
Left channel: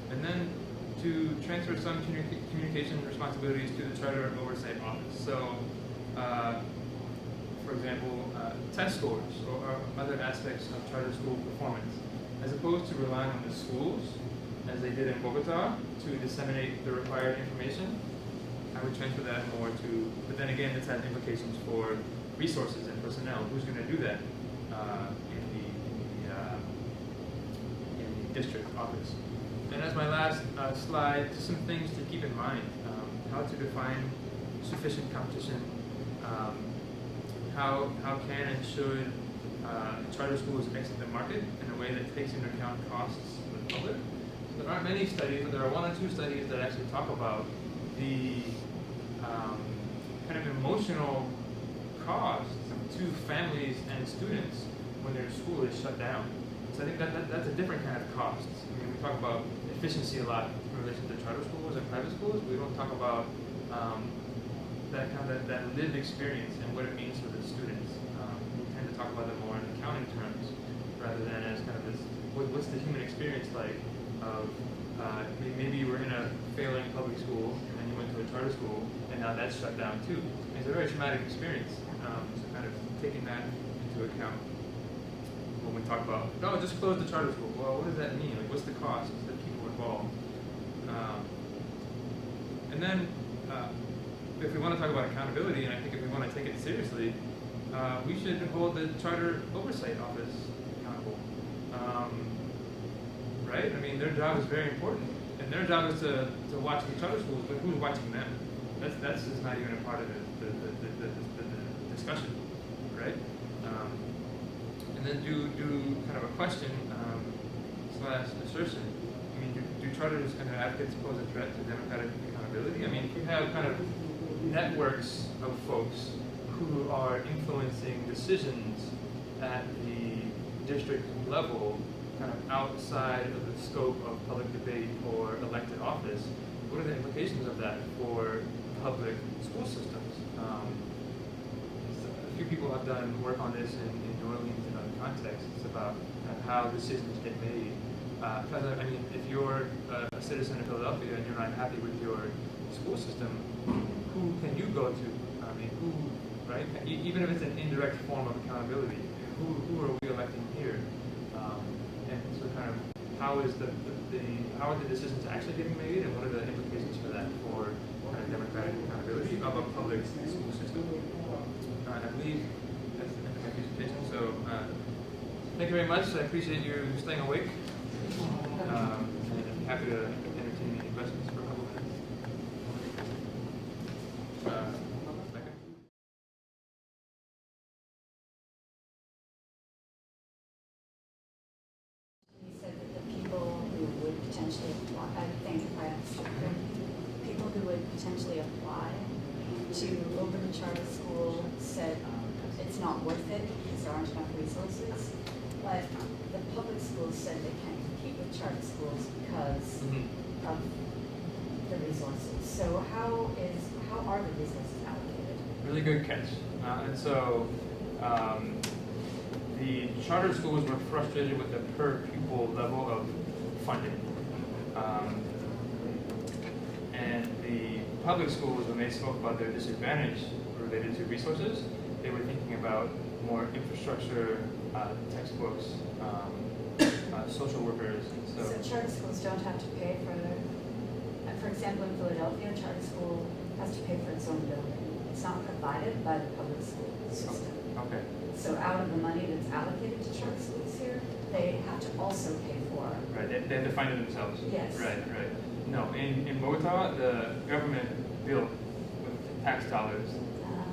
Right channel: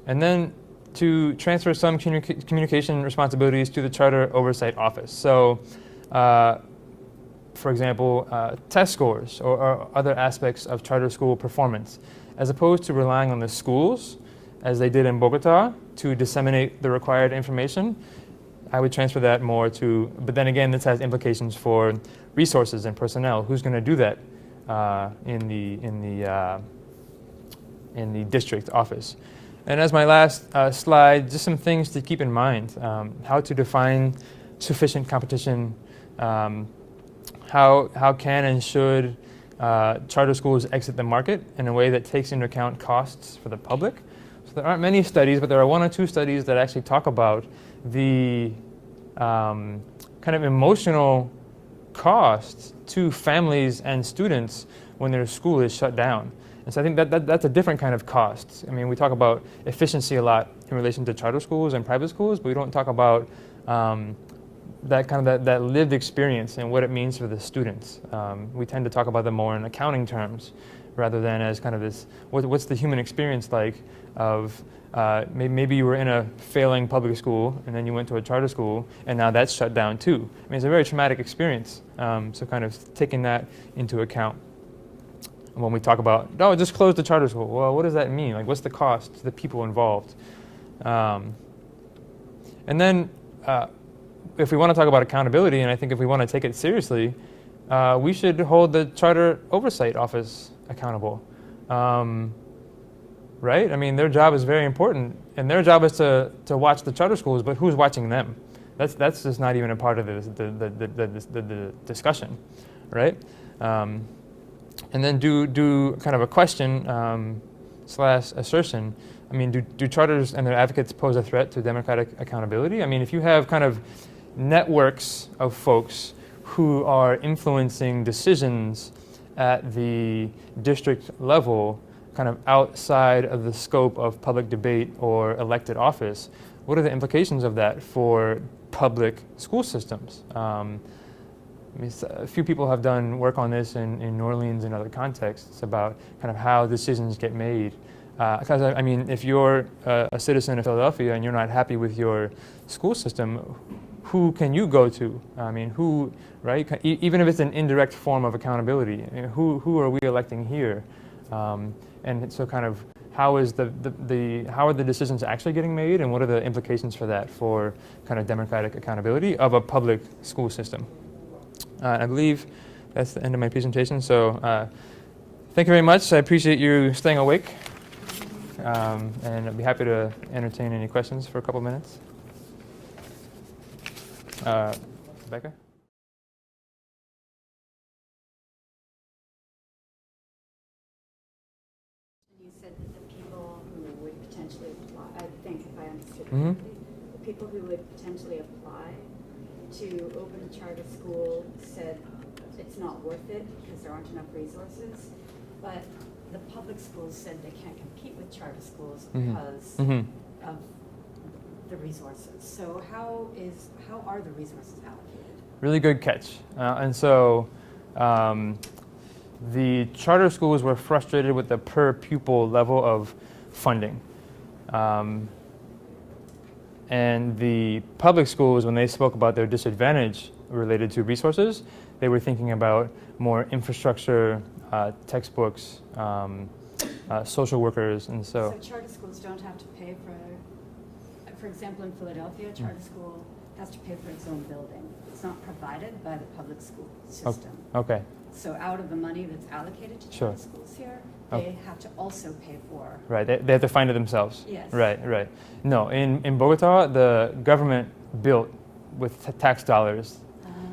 And then to transfer some communication responsibilities to the Charter Oversight Office. So, for example, test scores or other aspects of charter school performance, as opposed to relying on the schools, as they did in Bogota, to disseminate the required information. I would transfer that more to, but then again, this has implications for resources and personnel. Who's going to do that in the district office? And as my last slide, just some things to keep in mind. How to define sufficient competition. How can and should charter schools exit the market in a way that takes into account costs for the public? So there aren't many studies, but there are one or two studies that actually talk about the kind of emotional costs to families and students when their school is shut down. And so I think that's a different kind of cost. I mean, we talk about efficiency a lot in relation to charter schools and private schools, but we don't talk about that lived experience and what it means for the students. We tend to talk about them more in accounting terms rather than as kind of this, what's the human experience like of maybe you were in a failing public school and then you went to a charter school and now that's shut down too. I mean, it's a very traumatic experience. So kind of taking that into account. When we talk about, oh, just close the charter school. Well, what does that mean? Like, what's the cost to the people involved? And then if we want to talk about accountability, and I think if we want to take it seriously, we should hold the Charter Oversight Office accountable. Right? I mean, their job is very important, and their job is to watch the charter schools, but who's watching them? That's just not even a part of the discussion, right? And then do kind of a question / assertion. I mean, do charters and their advocates pose a threat to democratic accountability? I mean, if you have kind of networks of folks who are influencing decisions at the district level, kind of outside of the scope of public debate or elected office, what are the implications of that for public school systems? A few people have done work on this in New Orleans and other contexts about kind of how decisions get made. Because I mean, if you're a citizen of Philadelphia and you're not happy with your school system, who can you go to? I mean, who, right? Even if it's an indirect form of accountability, who are we electing here? And so kind of how are the decisions actually getting made, and what are the implications for that for kind of democratic accountability of a public school system? I believe that's the end of my presentation. So thank you very much. I appreciate you staying awake. And I'd be happy to entertain any questions for a couple minutes. Becca? You said that the people who would potentially apply, I think if I understood Mm-hmm. correctly, the people who would potentially apply to open a charter school said it's not worth it because there aren't enough resources. but the public schools said they can't compete with charter schools Mhm. because Mhm. of the resources. So how are the resources allocated? Really good catch. And so the charter schools were frustrated with the per pupil level of funding. And the public schools, when they spoke about their disadvantage related to resources, they were thinking about more infrastructure, textbooks, social workers, and So charter schools don't have to pay for example, in Philadelphia, a charter school has to pay for its own building. It's not provided by the public school system. Okay. So out of the money that's allocated to Sure. charter schools here, they have to also pay for. Right, they have to find it themselves. Yes. Right. No, in Bogota, the government built with tax dollars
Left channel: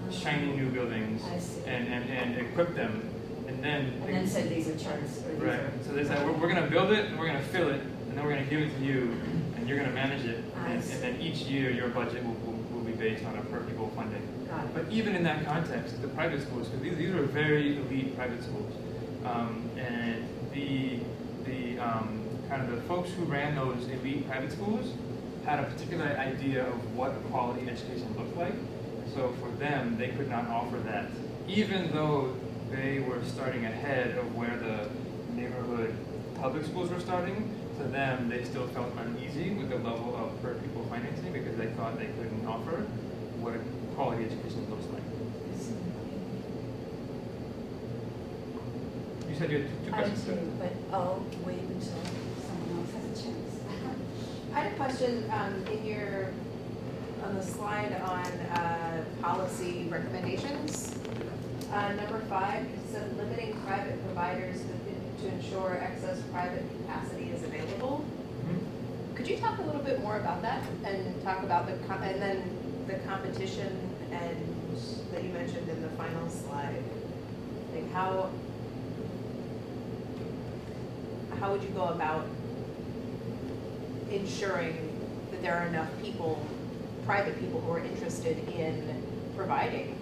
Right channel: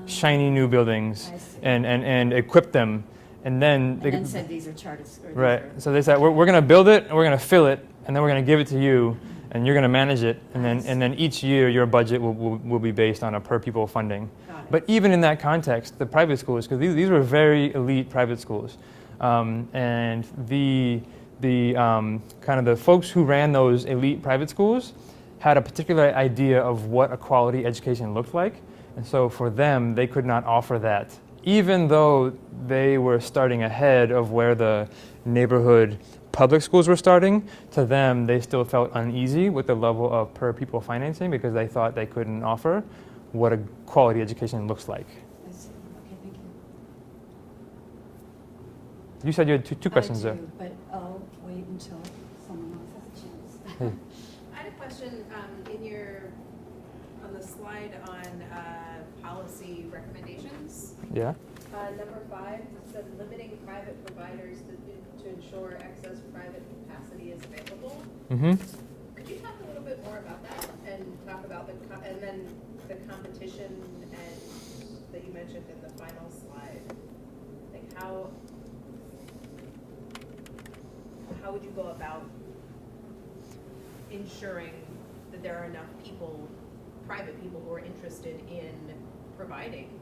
shiny new buildings I see. and equipped them, and then said these are charters. right. So they said we're going to build it and we're going to fill it and then we're going to give it to you and you're going to manage it, and then each year your budget will be based on a per pupil funding. But even in that context, the private schools, because these were very elite private schools, and the kind of the folks who ran those elite private schools had a particular idea of what a quality education looked like, and so for them, they could not offer that, even though they were starting ahead of where the neighborhood public schools were starting. To them, they still felt uneasy with the level of per pupil financing because they thought they couldn't offer what a quality education looks like. You said you had two questions there. But I'll wait until someone else has a chance. I had a question on the slide on policy recommendations. Yeah. Number 5, it says limiting private providers to ensure excess private capacity is available. Mm-hmm. Could you talk a little bit more about that and talk about and then the competition and that you mentioned in the final slide? Like how would you go about ensuring that there are enough people, private people, who are interested in providing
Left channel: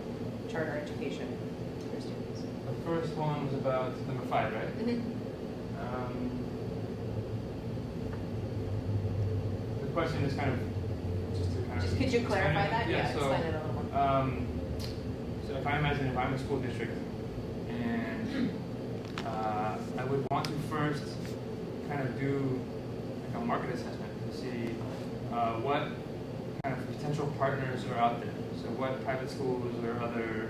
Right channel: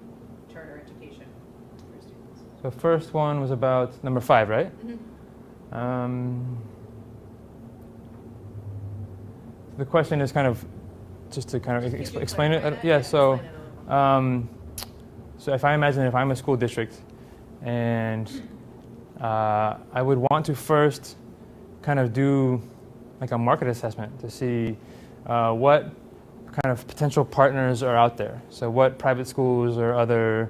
charter education to their students? The first one was about number 5, right? Mm-hmm. The question is kind of, just to kind of Could you explain it. clarify that? Yeah, so, explain it a little more. so if I'm a school district and I would want to first kind of do like a market assessment to see what kind of potential partners are out there. So what private schools or other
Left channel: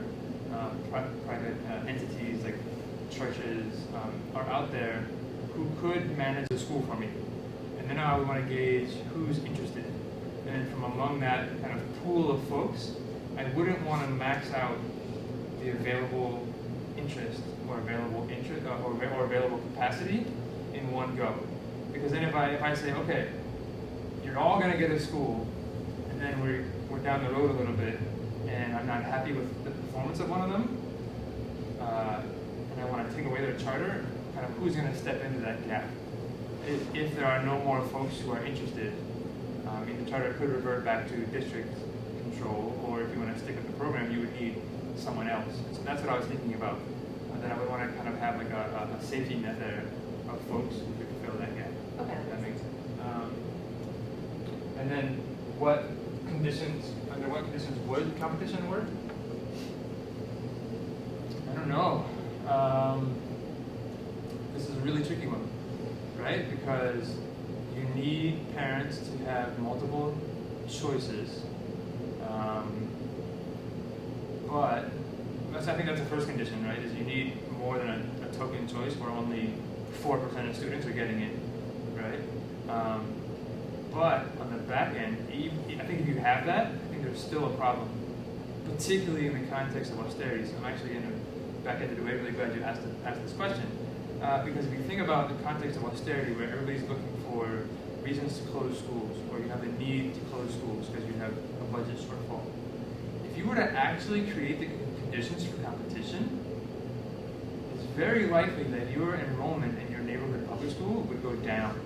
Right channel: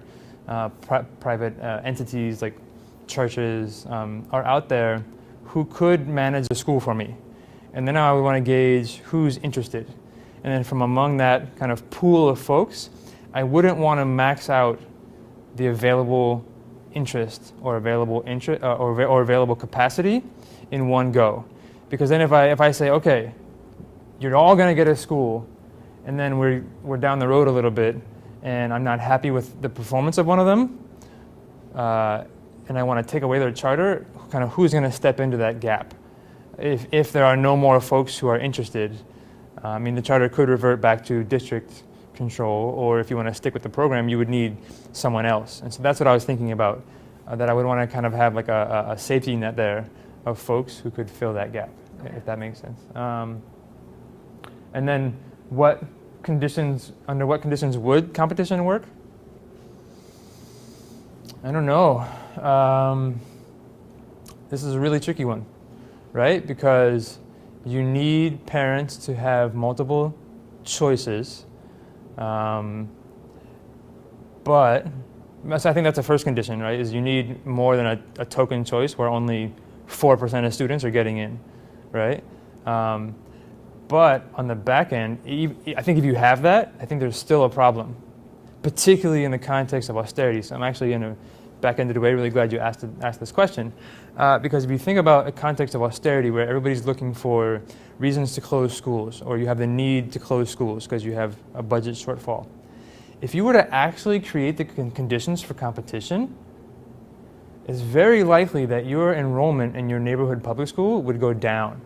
private entities like churches are out there who could manage a school for me. And then I would want to gauge who's interested. And then from among that kind of pool of folks, I wouldn't want to max out the available interest or available or available capacity in one go. Because then if I say, okay, you're all going to get a school, and then we're down the road a little bit, and I'm not happy with the performance of one of them, and I want to take away their charter, kind of who's going to step into that gap? If there are no more folks who are interested, I mean, the charter could revert back to district control, or if you want to stick with the program, you would need someone else. And so that's what I was thinking about, that I would want to kind of have like a safety net there of folks who could fill that gap, if that makes sense. And then under what conditions would competition work? I don't know. This is a really tricky one, right? Because you need parents to have multiple choices. But so I think that's the first condition, right? Is you need more than a token choice where only 4% of students are getting in, right? But on the back end, I think if you have that, I think there's still a problem, particularly in the context of austerity. So I'm actually, in a back-ended way, really glad you asked this question. Because if you think about a context of austerity where everybody's looking for reasons to close schools, or you have the need to close schools because you have a budget shortfall, if you were to actually create the conditions for competition, it's very likely that your enrollment in your neighborhood public school would go down.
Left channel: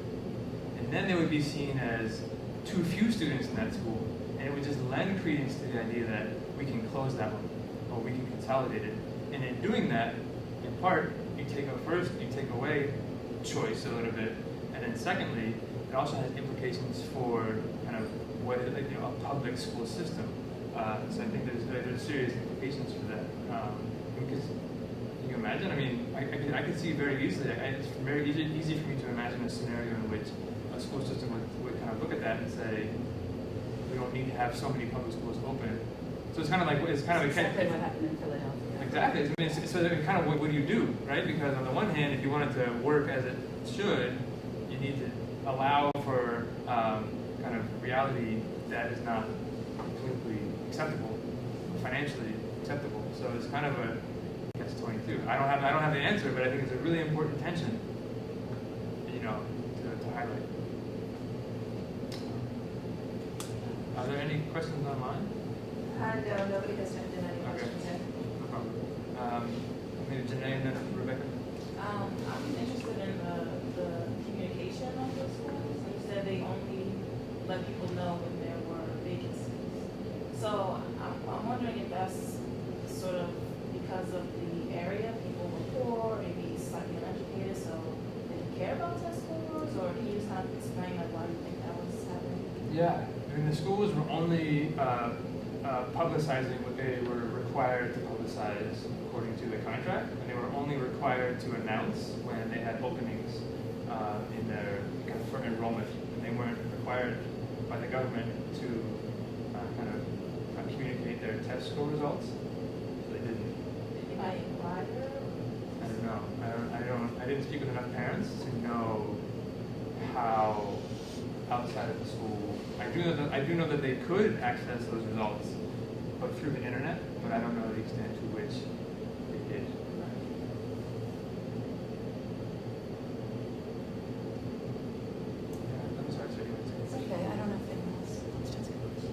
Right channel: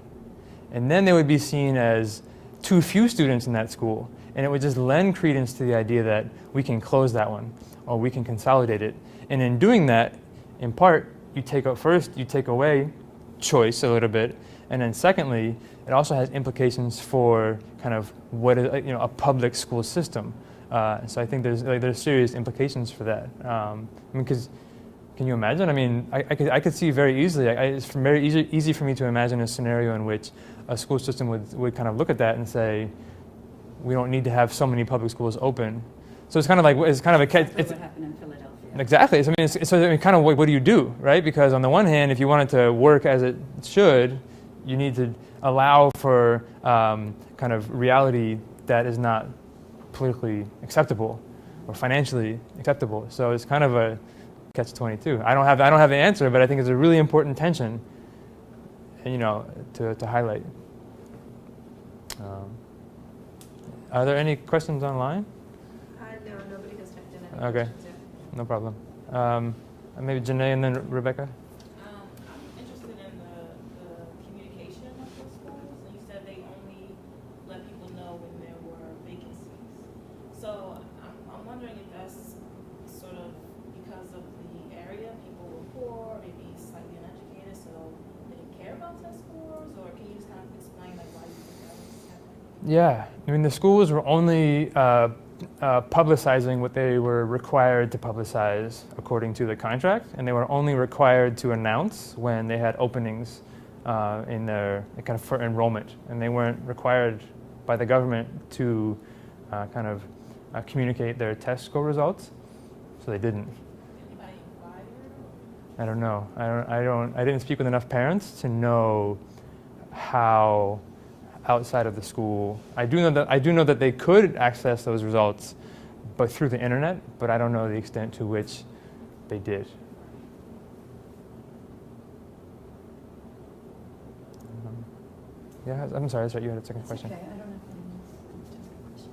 And then they would be seen as too few students in that school. And it would just lend credence to the idea that we can close that one, or we can consolidate it. And in doing that, in part, you take away choice a little bit, and then secondly, it also has implications for kind of what is, a public school system. So I think there's serious implications for that. Because can you imagine? I mean, I could see very easily. It's very easy for me to imagine a scenario in which a school system would kind of look at that and say, we don't need to have so many public schools open. So it's kind of like a Exactly what happened in Philadelphia. Exactly. I mean, so kind of what do you do, right? Because on the one hand, if you want it to work as it should, you need to allow for kind of reality that is not politically acceptable or financially acceptable. So it's kind of a catch-22. I don't have the answer, but I think it's a really important tension, to highlight. Are there any questions online? No, nobody has typed in any Okay. questions yet. No problem. Maybe Janae and then Rebecca. I'm interested in the communication of the schools. You said they only let people know when there were vacancies. So I'm wondering if that's sort of because of the area, people were poor, maybe slightly uneducated, so they didn't care about test scores, or can you just kind of explain like why you think that was happening? Yeah, I mean the schools were only publicizing what they were required to publicize according to the contract, and they were only required to announce when they had openings in their kind of for enrollment, and they weren't required by the government to communicate their test score results, so they didn't. Did anybody inquire? I don't know. I didn't speak with enough parents to know how outside of the school. I do know that they could access those results, but through the internet. But I don't know the extent to which they did. Yeah, I'm sorry. That's right. You had a second question. Okay, I don't know if anyone else wants to ask a question.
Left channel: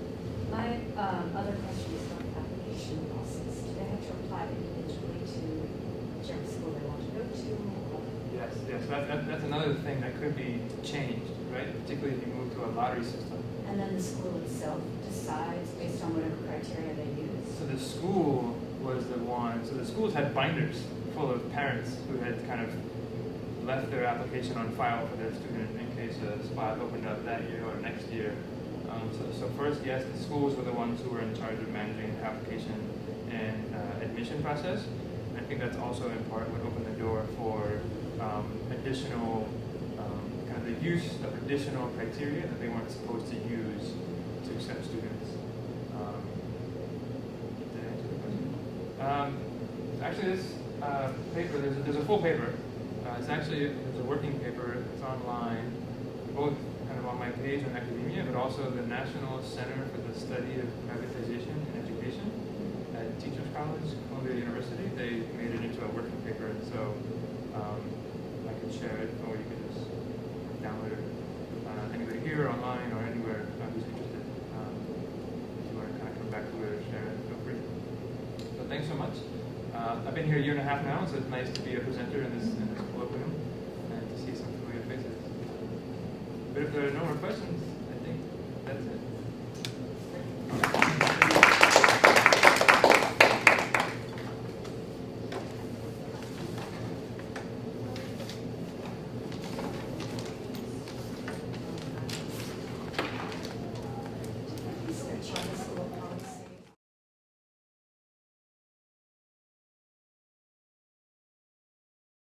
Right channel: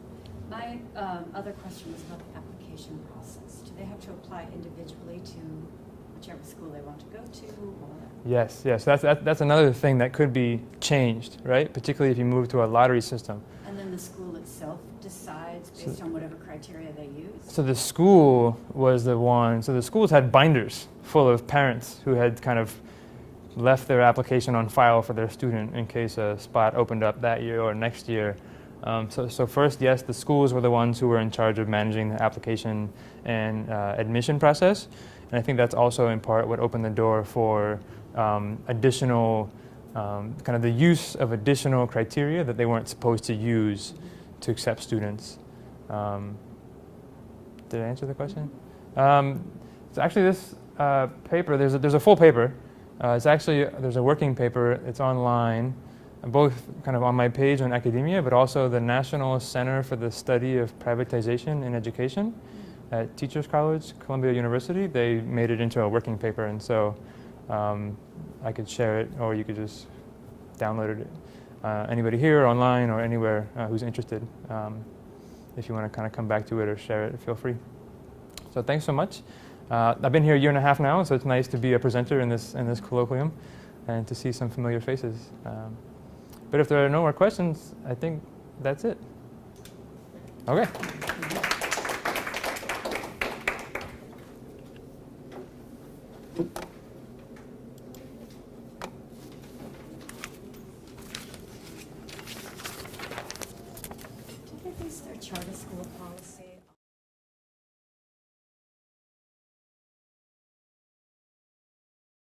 My other question is about the application process. Do they have to apply individually to whichever school they want to go to? Or? Yes. So that's another thing that could be changed, right? Particularly if you move to a lottery system. And then the school itself decides based on whatever criteria they use? So the school was the one. So the schools had binders full of parents who had kind of left their application on file for their student in case a spot opened up that year or next year. So first, yes, the schools were the ones who were in charge of managing the application and admission process. And I think that's also in part what opened the door for additional, kind of the use of additional criteria that they weren't supposed to use to accept students. Did I answer the question? So actually this paper, there's a full paper. There's a working paper. It's online, both kind of on my page on academia, but also the National Center for the Study of Privatization in Education at Teachers College, Columbia University. They made it into a working paper, and so I could share it, or you could just download it. Anybody here, online, or anywhere who's interested. If you want to kind of come back to it or share it, feel free. So thanks so much. I've been here a year and a half now, so it's nice to be a presenter in this colloquium and to see some familiar faces. But if there are no more questions, I think that's it. Okay.